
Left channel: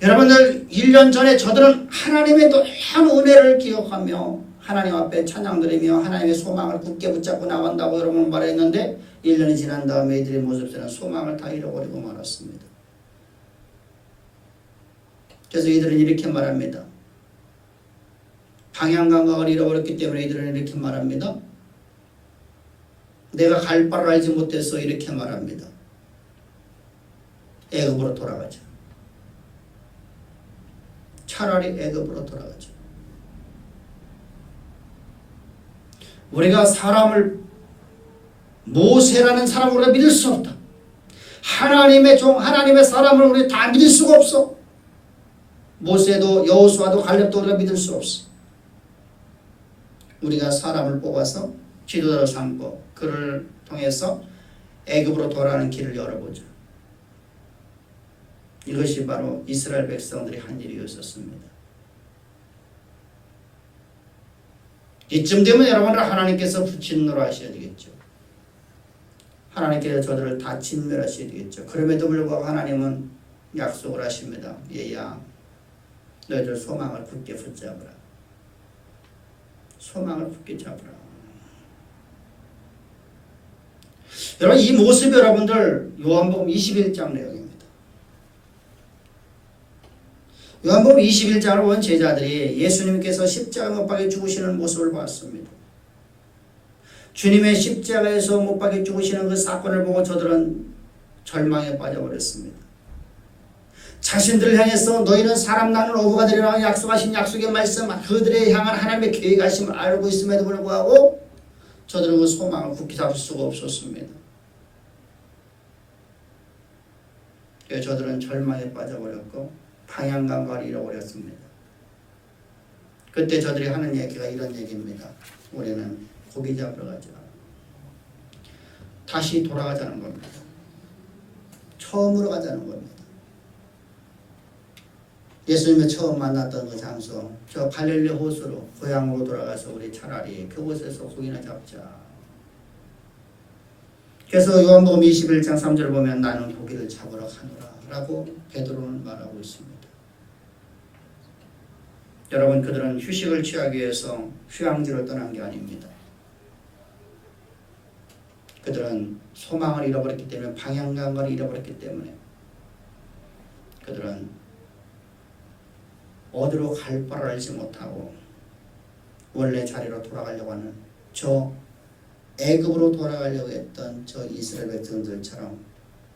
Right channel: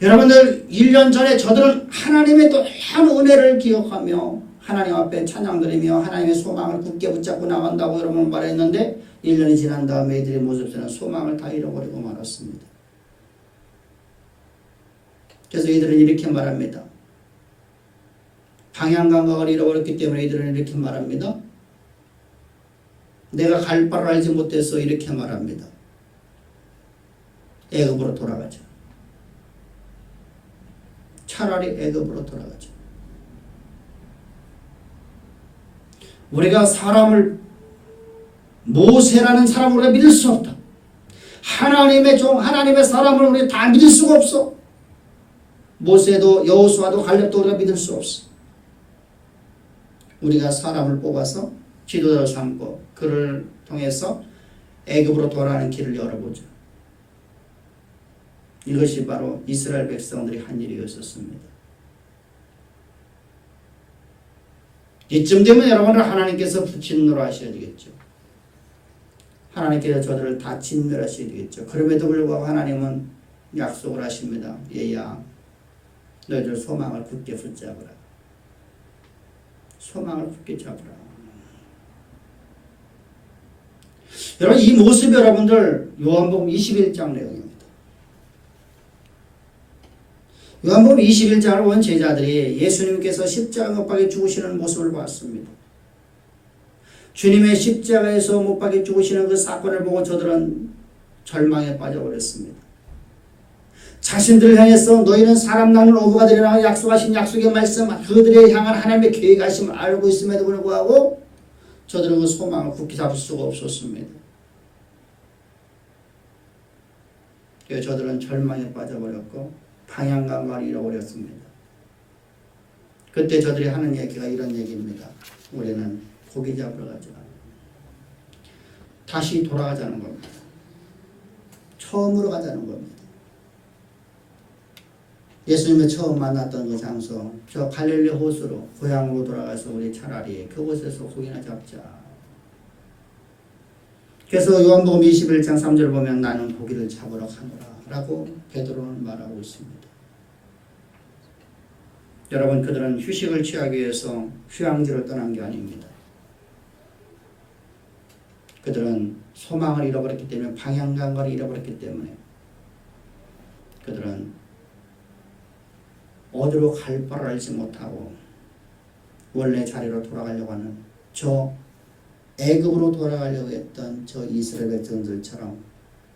여러분들 1년 전에 저들은 하나님의 또한 은혜를 기억하며 하나님 앞에 찬양드리며 하나님의 소망을 굳게 붙잡고 나간다고 여러분 말했는데 1년이 지난 다음에 이들의 모습에는 소망을 다 잃어버리고 말았습니다. 그래서 이들은 이렇게 말합니다. 방향 감각을 잃어버렸기 때문에 이들은 이렇게 말합니다. 내가 갈 바를 알지 못해서 이렇게 말합니다. 애굽으로 돌아가자. 차라리 애굽으로 돌아가자. 우리가 사람을 모세라는 사람을 우리가 믿을 수 없다. 하나님의 종, 하나님의 사람을 우리 다 믿을 수가 없어. 모세도 여호수아도 갈렙도 우리가 믿을 수 없어. 우리가 사람을 뽑아서 지도자로 삼고 그를 통해서 애굽으로 돌아가는 길을 열어보자. 이것이 바로 이스라엘 백성들이 한 일이었었습니다. 이쯤 되면 여러분을 하나님께서 진노로 하셔야 되겠죠. 하나님께서 저들을 다 진멸하셔야 되겠죠. 그럼에도 불구하고 하나님은 약속을 하십니다. 얘야 너희들 소망을 굳게 붙잡으라. 소망을 굳게 잡으라. 여러분 이 모습 여러분들 요한복음 21장 내용입니다. 요한복음 21장을 본 제자들이 예수님께서 십자가 못 박혀 죽으시는 모습을 봤습니다. 주님의 십자가에서 못 박혀 죽으시는 그 사건을 보고 저들은 절망에 빠져버렸습니다. 자신들을 향해서 너희는 사람 낳는 어부가 되리라 약속하신 약속의 말씀 그들에 향한 하나님의 계획하심을 알고 있음에도 불구하고 저들은 그 소망을 굳게 잡을 수가 없었습니다. 그래서 저들은 절망에 빠져버렸고 방향 감각을 잃어버렸습니다. 그때 저들이 하는 얘기가 이런 얘기입니다. 우리는 고기 잡으러 가자. 다시 돌아가자는 겁니다. 처음으로 가자는 겁니다. 예수님을 처음 만났던 그 장소, 저 갈릴리 호수로 고향으로 돌아가서 우리 차라리 그곳에서 고기나 잡자. 그래서 요한복음 21장 3절을 보면 나는 고기를 잡으러 가노라 라고 베드로는 말하고 있습니다. 여러분 그들은 휴식을 취하기 위해서 휴양지로 떠난 게 아닙니다. 그들은 소망을 잃어버렸기 때문에, 방향감을 잃어버렸기 때문에 그들은 어디로 갈 바를 알지 못하고 원래 자리로 돌아가려고 하는, 저 애굽으로 돌아가려고 했던 저 이스라엘 백성들처럼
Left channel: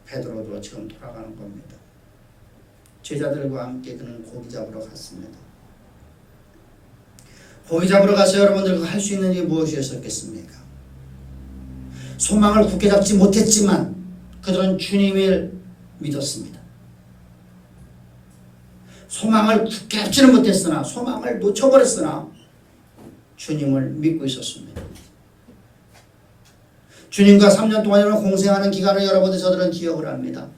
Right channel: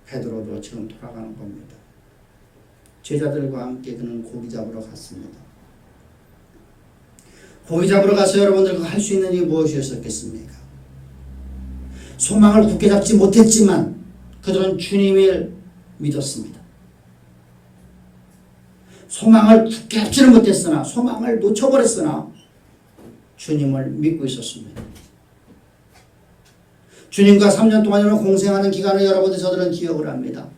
베드로도 지금 돌아가는 겁니다. 제자들과 함께 그는 고기 잡으러 갔습니다. 고기 잡으러 가서 여러분들 할 수 있는 일이 무엇이었겠습니까? 소망을 굳게 잡지 못했지만 그들은 주님을 믿었습니다. 소망을 굳게 잡지는 못했으나, 소망을 놓쳐버렸으나 주님을 믿고 있었습니다. 주님과 3년 동안 공생하는 기간을 여러분들 저들은 기억을 합니다.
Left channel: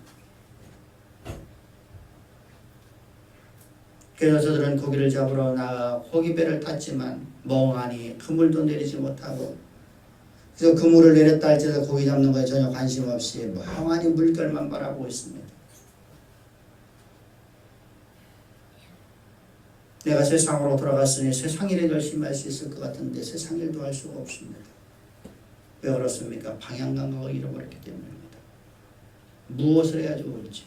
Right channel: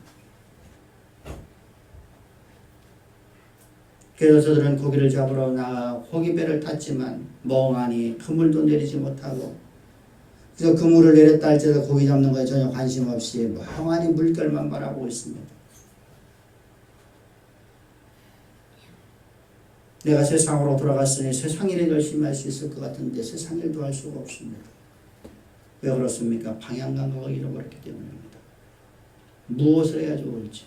그래서 저들은 고기를 잡으러 나가 고기배를 탔지만 멍하니 그물도 내리지 못하고, 그래서 그물을 내렸다 할지라도 고기 잡는 거에 전혀 관심 없이 멍하니 물결만 바라보고 있습니다. 내가 세상으로 돌아갔으니 세상 일에 열심히 할 수 있을 것 같은데 세상 일도 할 수가 없습니다. 왜 그렇습니까? 방향 감각을 잃어버렸기 때문입니다. 무엇을 해야 좋을지,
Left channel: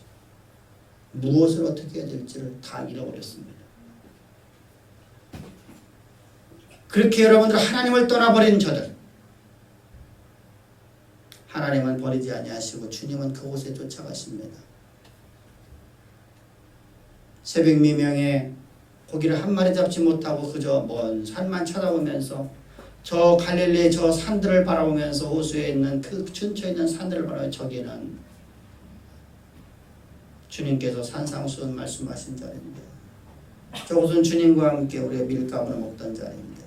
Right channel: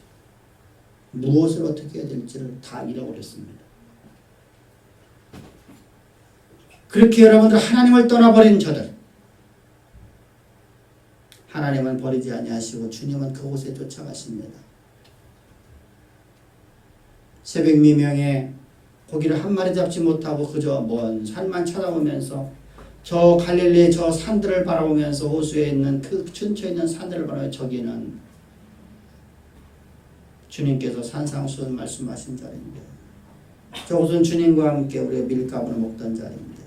무엇을 어떻게 해야 될지를 다 잃어버렸습니다. 그렇게 여러분들 하나님을 떠나버린 저들, 하나님은 버리지 아니하시고 주님은 그곳에 쫓아가십니다. 새벽 미명에 고기를 한 마리 잡지 못하고 그저 먼 산만 쳐다보면서 저 갈릴리 저 산들을 바라보면서 호수에 있는 그 근처에 있는 산들을 바라보며, 저기는 주님께서 산상수훈 말씀하신 자리인데, 저곳은 주님과 함께 우리가 밀가루를 먹던 자리인데,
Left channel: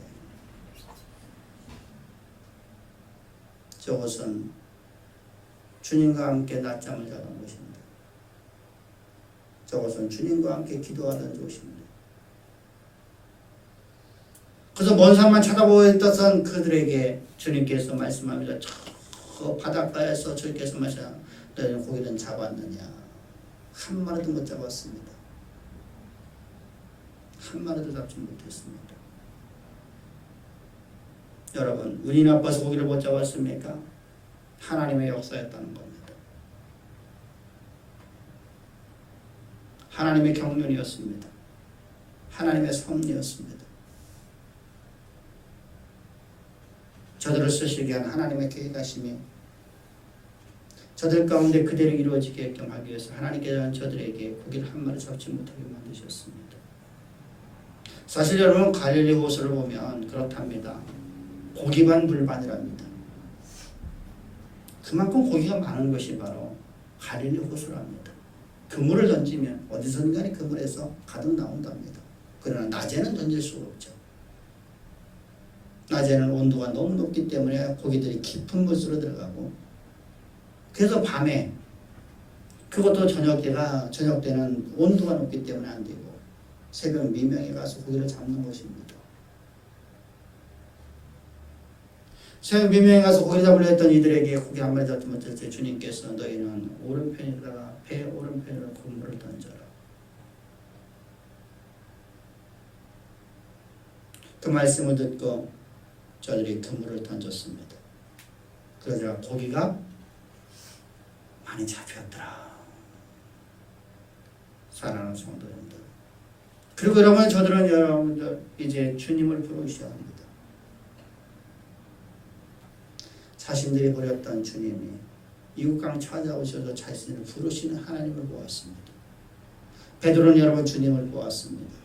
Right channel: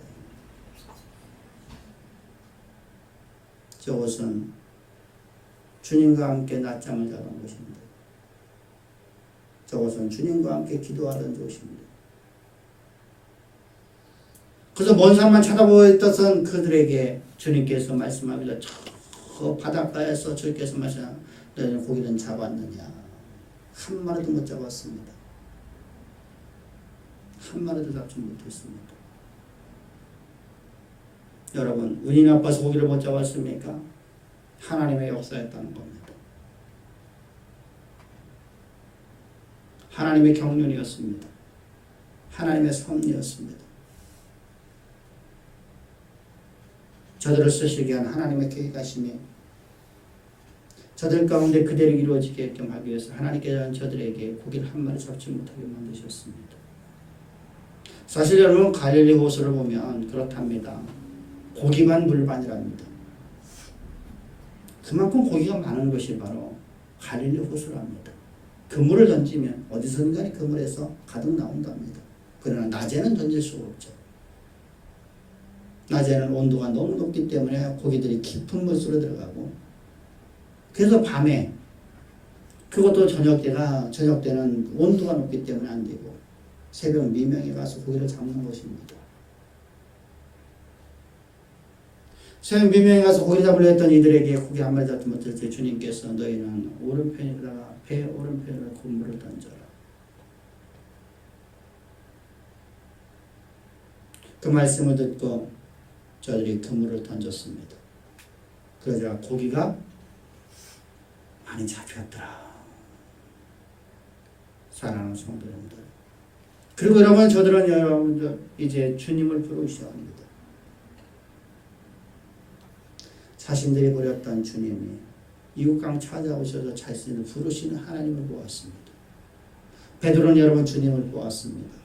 저곳은 주님과 함께 낮잠을 자던 곳입니다. 저곳은 주님과 함께 기도하던 곳입니다. 그래서 먼 산만 쳐다보고 있던 그들에게 주님께서 말씀합니다. 저 바닷가에서 주님께서 말씀하시는, 너희는 고기는 잡았느냐? 한 마리도 못 잡았습니다. 한 마리도 잡지 못했습니다. 여러분, 운이 나빠서 고기를 못 잡았습니까? 하나님의 역사였다는 겁니다. 하나님의 경륜이었습니다. 하나님의 섭리였습니다. 저들을 쓰시게 한 하나님의 계획하심이 저들 가운데 그대로 이루어지게끔 하기 위해서 하나님께서는 저들에게 고기를 한 마리 잡지 못하게 만드셨습니다. 사실 여러분, 갈릴리 호수를 보면 그렇답니다. 고기반 물반이랍니다. 그만큼 고기가 많은 것이 바로 갈릴리 호수랍니다. 그물을 던지면 어디선가 그물에서 가득 나온답니다. 그러나 낮에는 던질 수가 없죠. 낮에는 온도가 너무 높기 때문에 고기들이 깊은 물속으로 들어가고, 그래서 밤에, 그것도 저녁 때는 온도가 높기 때문에 안 되고 새벽 미명에 가서 고기를 잡는 것입니다. 새벽 미명에 가서 고기 잡으려 했던 이들에게 고기 한 마리 잡지 못했을 때 주님께서 너희는 오른편에다가 배 오른편으로 그물을 던져라. 그 말씀을 듣고 저들이 그물을 던졌습니다. 그러자 고기가 많이 잡혔더라. 사랑하는 성도님들, 그리고 여러분, 저들은 여러분들 이제 주님을 부르셔야 합니다. 자신들이 버렸던 주님이 이웃강 찾아오셔서 자신을 부르시는 하나님을 보았습니다. 베드로는 여러분 주님을 보았습니다.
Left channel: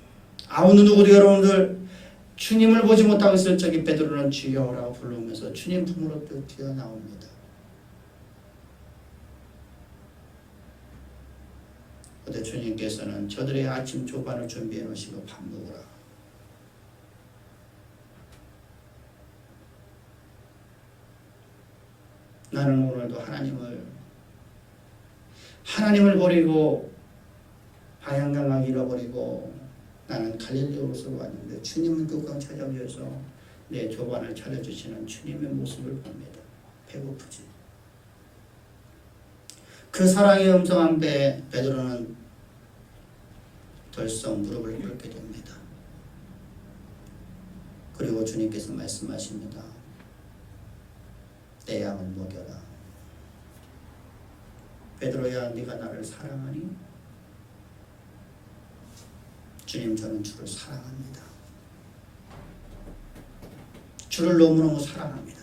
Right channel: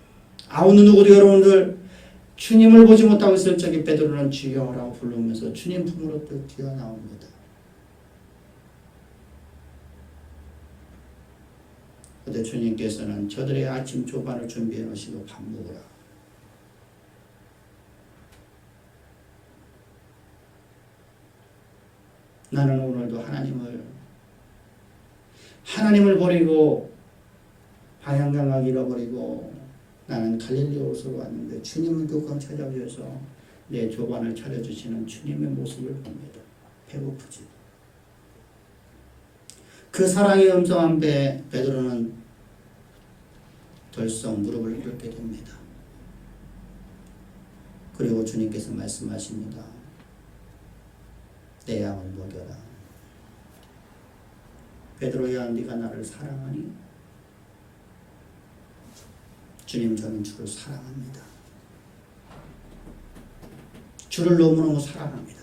아무 누구도 여러분들 주님을 보지 못하고 있을 적에 베드로는 주여라고 부르면서 주님 품으로 또 뛰어나옵니다. 그때 주님께서는 저들의 아침 조반을 준비해 놓으시고 밥 먹으라. 나는 오늘도 하나님을 버리고 방향감을 잃어버리고 나는 갈릴리 호수로 왔는데 주님은 그곳 찾아오셔서 내 조반을 차려주시는 주님의 모습을 봅니다. 배고프지. 그 사랑의 음성 앞에 베드로는 덜썩 무릎을 꿇게 됩니다. 그리고 주님께서 말씀하십니다. 내 양을 먹여라. 베드로야, 네가 나를 사랑하니? 주님, 저는 주를 사랑합니다. 주를 너무너무 사랑합니다.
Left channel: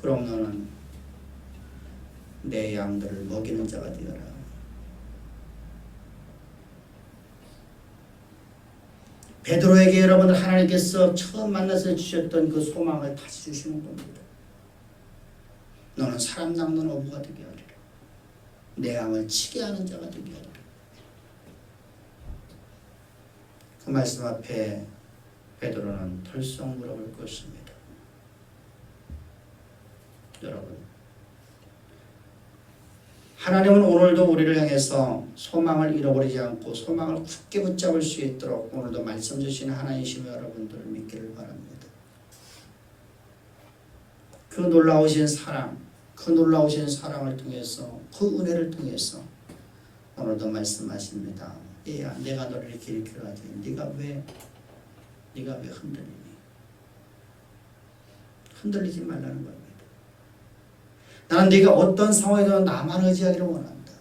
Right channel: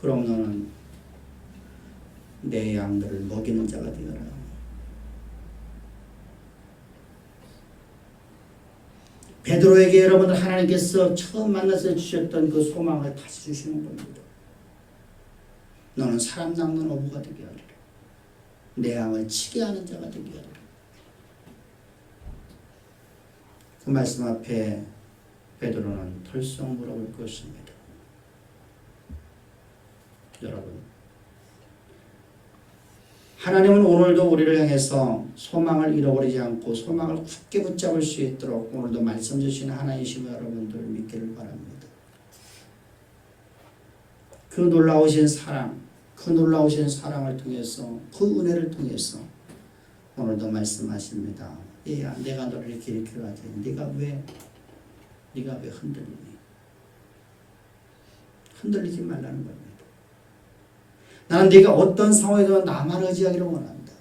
그럼 너는 내 양들을 먹이는 자가 되어라. 베드로에게 여러분들 하나님께서 처음 만나서 주셨던 그 소망을 다시 주시는 겁니다. 너는 사람 낚는 어부가 되게 하리라. 내 양을 치게 하는 자가 되게 하리라. 그 말씀 앞에 베드로는 털썩 물어볼 것입니다. 여러분, 하나님은 오늘도 우리를 향해서 소망을 잃어버리지 않고 소망을 굳게 붙잡을 수 있도록 오늘도 말씀 주시는 하나님이심을 여러분들 믿기를 바랍니다. 그 놀라우신 사랑, 그 놀라우신 사랑을 통해서, 그 은혜를 통해서 오늘도 말씀하십니다. 얘야, 내가 너를 이렇게 일으키라지. 네가 왜 흔들리니? 흔들리지 말라는 겁니다. 나는 네가 어떤 상황에서 나만 의지하기를 원한다.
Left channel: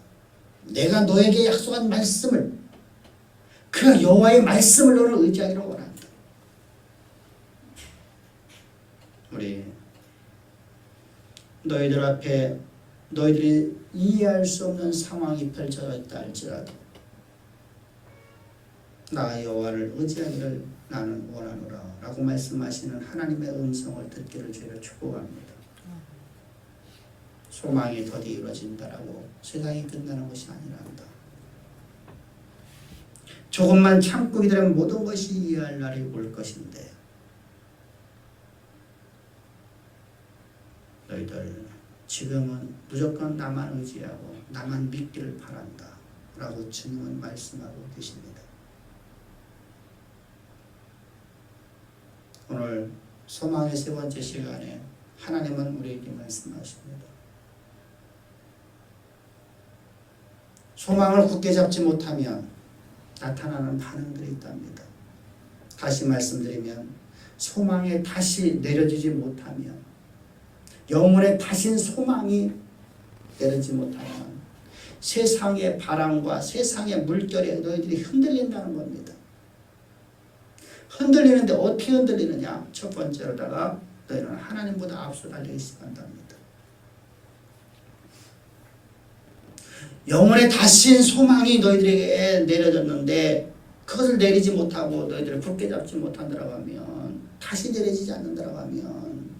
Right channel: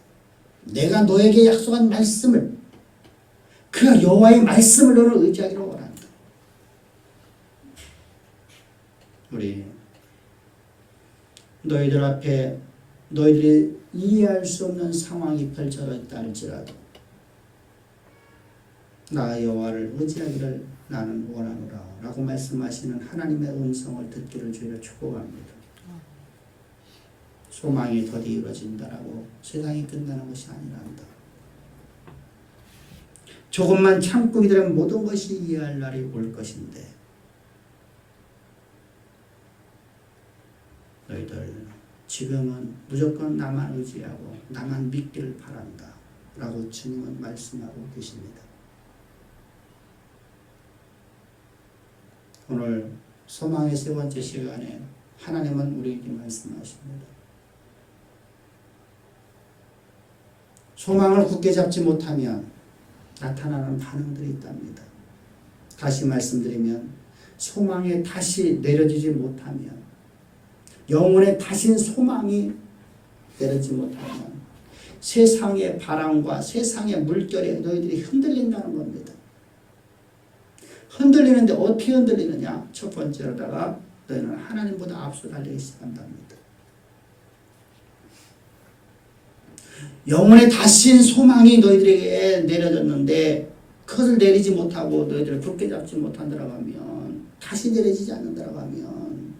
내가 너에게 약속한 말씀을, 그 여호와의 말씀을 너를 의지하기를 원한다. 우리 너희들 앞에 너희들이 이해할 수 없는 상황이 펼쳐져 있다 할지라도 나 여호와를 의지하기를 나는 원하노라 라고 말씀하시는 하나님의 음성을 듣기를 주의를 축복합니다. 소망이 더디 이루어진다라고 세상이 끝나는 것이 아니란다. 조금만 참고 기다리면 모든 것이 이해할 날이 올 것인데 너희들 지금은 무조건 나만 의지하고 나만 믿기를 바란다 라고 주님은 말씀하고 계십니다. 오늘 소망의 세 번째 시간에 하나님은 우리에게 말씀하십니다. 소망을 굳게 잡지 못하면 나타나는 반응들이 있답니다. 다시 말씀드리면 소망에 다시 내려지지 못하면, 영혼에 다신 소망이 내려지지 못하면 세상의 바람과 세상의 물결에 너희들이 흔들린다는 겁니다. 흔들리는데 어떻게 흔들리느냐? 첫 번째로다가 너희는 하나님보다 앞서 달리기 시작한답니다. 영혼에 다신 소망이 너희들에게 내려졌는데 그것을 내리지 못하고 너희들을 굳게 잡지 못한다고 하면, 다시 내려지지 않는다고 하면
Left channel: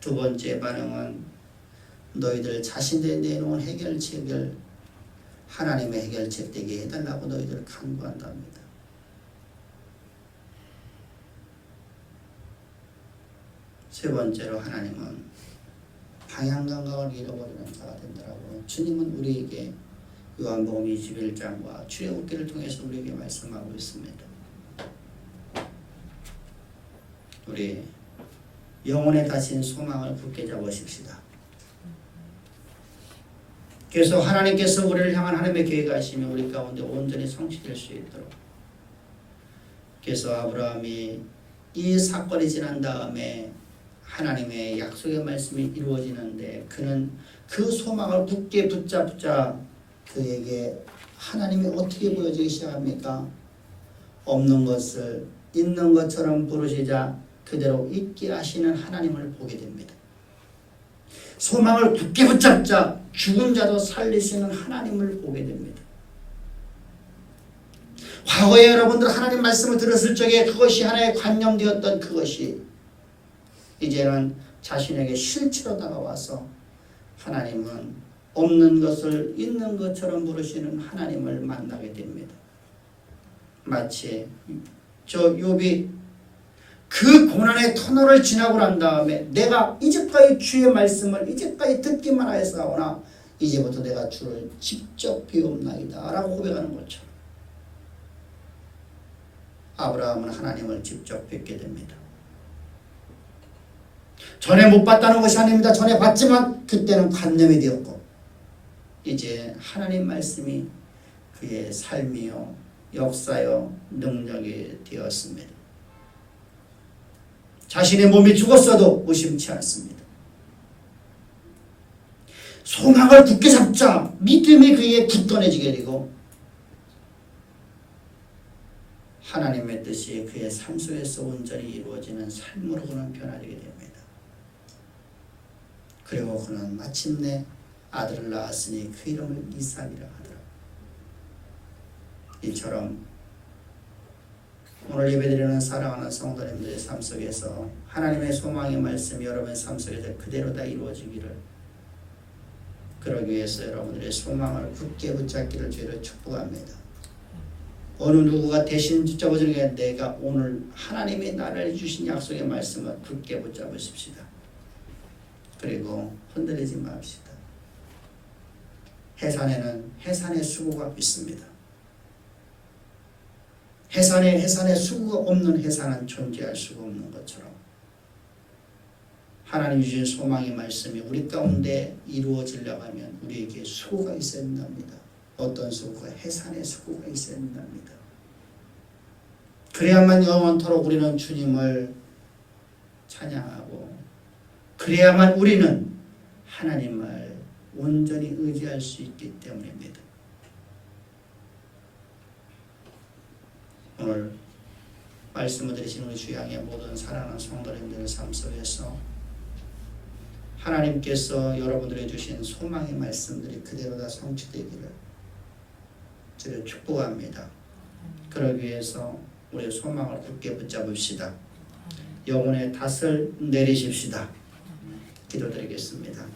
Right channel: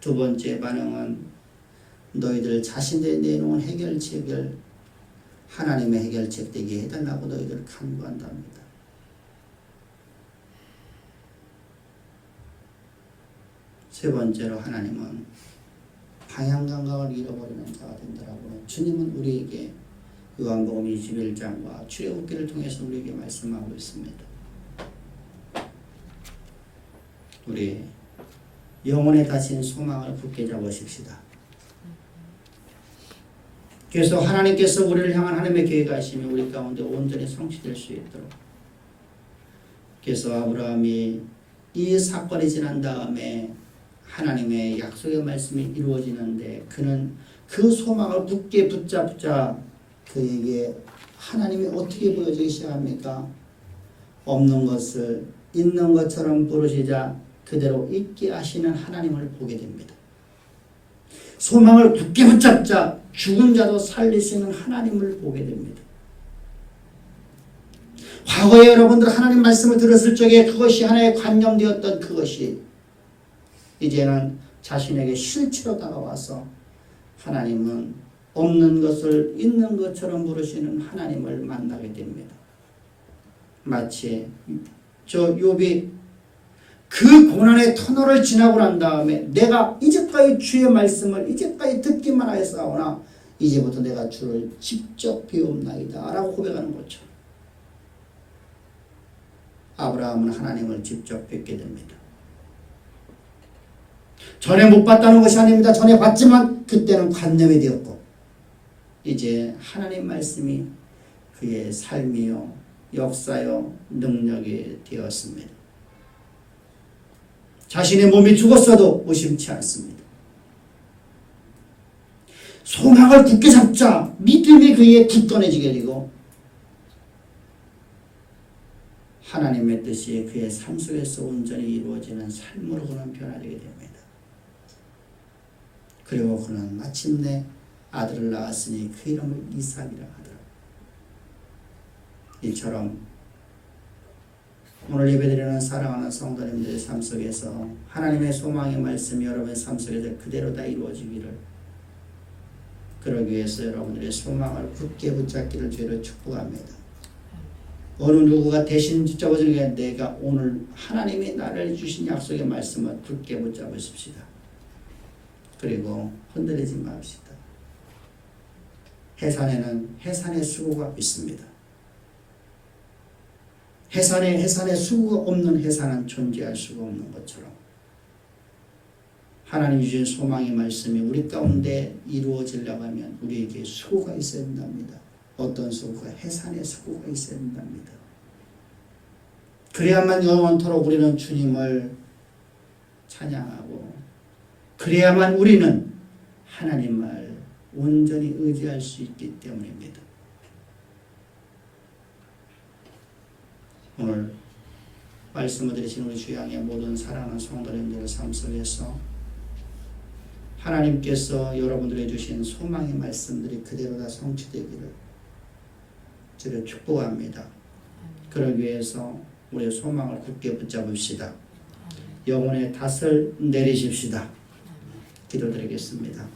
두 번째 반응은 너희들 자신들이 내놓은 해결책을 하나님의 해결책 되게 해달라고 너희들을 간구한답니다. 세 번째로 하나님은 방향 감각을 잃어버리는 자가 된다라고 주님은 우리에게 요한복음 21장과 출애굽기를 통해서 우리에게 말씀하고 있습니다. 우리 영혼에 닫힌 소망을 굳게 잡으십시다. 그래서 하나님께서 우리를 향한 하나님의 계획하심이 우리 가운데 온전히 성취될 수 있도록, 그래서 아브라함이 이 사건이 지난 다음에 하나님의 약속의 말씀이 이루어지는데 그는 그 소망을 굳게 붙잡자 그에게 하나님이 어떻게 보여지기 시작합니까? 없는 것을 있는 것처럼 부르시자 그대로 있게 하시는 하나님을 보게 됩니다. 소망을 굳게 붙잡자 죽은 자도 살리시는 하나님을 보게 됩니다. 과거에 여러분들 하나님 말씀을 들었을 적에 그것이 하나의 관념되었던 그것이 이제는 자신에게 실체로 다가와서 하나님은 없는 것을 있는 것처럼 부르시는 하나님을 만나게 됩니다. 마치 저 욥이 그 고난의 터널을 지나고 난 다음에 내가 이제까지 주의 말씀을 이제까지 듣기만 하였사오나 이제부터 내가 주를 직접 배웁나이다 라고 고백하는 것처럼 아브라함은 하나님을 직접 뵙게 됩니다. 전에 못 봤다는 것이 아닙니다. 전에 봤지만 그때는 관념이 되었고 이제 하나님 말씀이 그의 삶이요 역사요 능력이 되었습니다. 자신의 몸이 죽었어도 의심치 않습니다. 소망을 굳게 잡자 믿음이 그에게 굳건해지게 되고 하나님의 뜻이 그의 삶 속에서 온전히 이루어지는 삶으로 그는 변화되게 됩니다. 그리고 그는 마침내 아들을 낳았으니 그 이름을 이삭이라 하더라. 이처럼 오늘 예배드리는 사랑하는 성도님들의 삶 속에서 하나님의 소망의 말씀이 여러분의 삶 속에서 그대로 다 이루어지기를, 그러기 위해서 여러분들의 소망을 굳게 붙잡기를 주로 축복합니다. 어느 누구가 대신 붙잡아주는 게 내가 오늘 하나님이 나를 주신 약속의 말씀을 굳게 붙잡으십시다. 그리고 흔들리지 맙시다. 해산에는 해산의 수고가 있습니다. 해산에 수고가 없는 해산은 존재할 수가 없는 것처럼 하나님 주신 소망의 말씀이 우리 가운데 이루어지려고 하면 우리에게 수고가 있어야 된답니다. 어떤 수고가? 해산의 수고가 있어야 된답니다. 그래야만 영원토록 우리는 주님을 찬양하고, 그래야만 우리는 하나님을 온전히 의지할 수 있기 때문입니다. 오늘 말씀을 들으신 우리 주양의 모든 사랑하는 성도님들의 삶 속에서 하나님께서 여러분들에게 주신 소망의 말씀들이 그대로 다 성취되기를 저를 축복합니다. 그러기 위해서 우리의 소망을 굳게 붙잡읍시다. 영혼의 탓을 내리십시다. 기도드리겠습니다.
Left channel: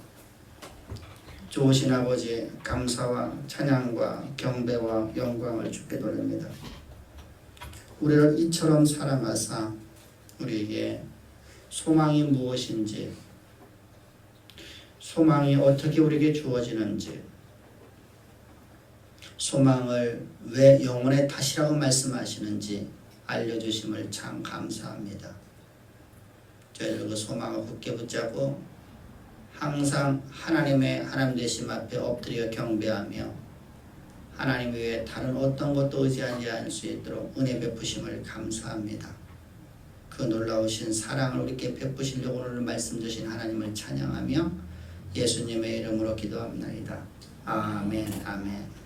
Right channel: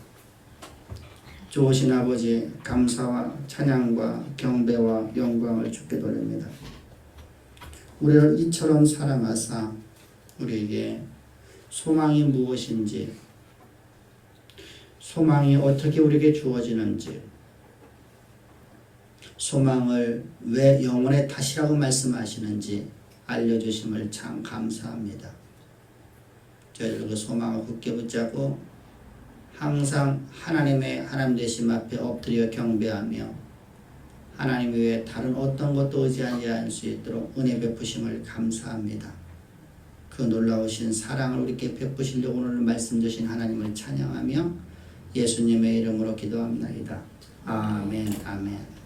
좋으신 아버지, 감사와 찬양과 경배와 영광을 주께 돌립니다. 우리를 이처럼 사랑하사 우리에게 소망이 무엇인지, 소망이 어떻게 우리에게 주어지는지, 소망을 왜 영혼의 탓이라고 말씀하시는지 알려주심을 참 감사합니다. 저희들 그 소망을 굳게 붙잡고 항상 하나님 되심 앞에 엎드려 경배하며 하나님 외에 다른 어떤 것도 의지하지 않을 수 있도록 은혜 베푸심을 감사합니다. 그 놀라우신 사랑을 우리께 베푸시려고 오늘 말씀 주신 하나님을 찬양하며 예수님의 이름으로 기도합나이다. 아멘. 아멘.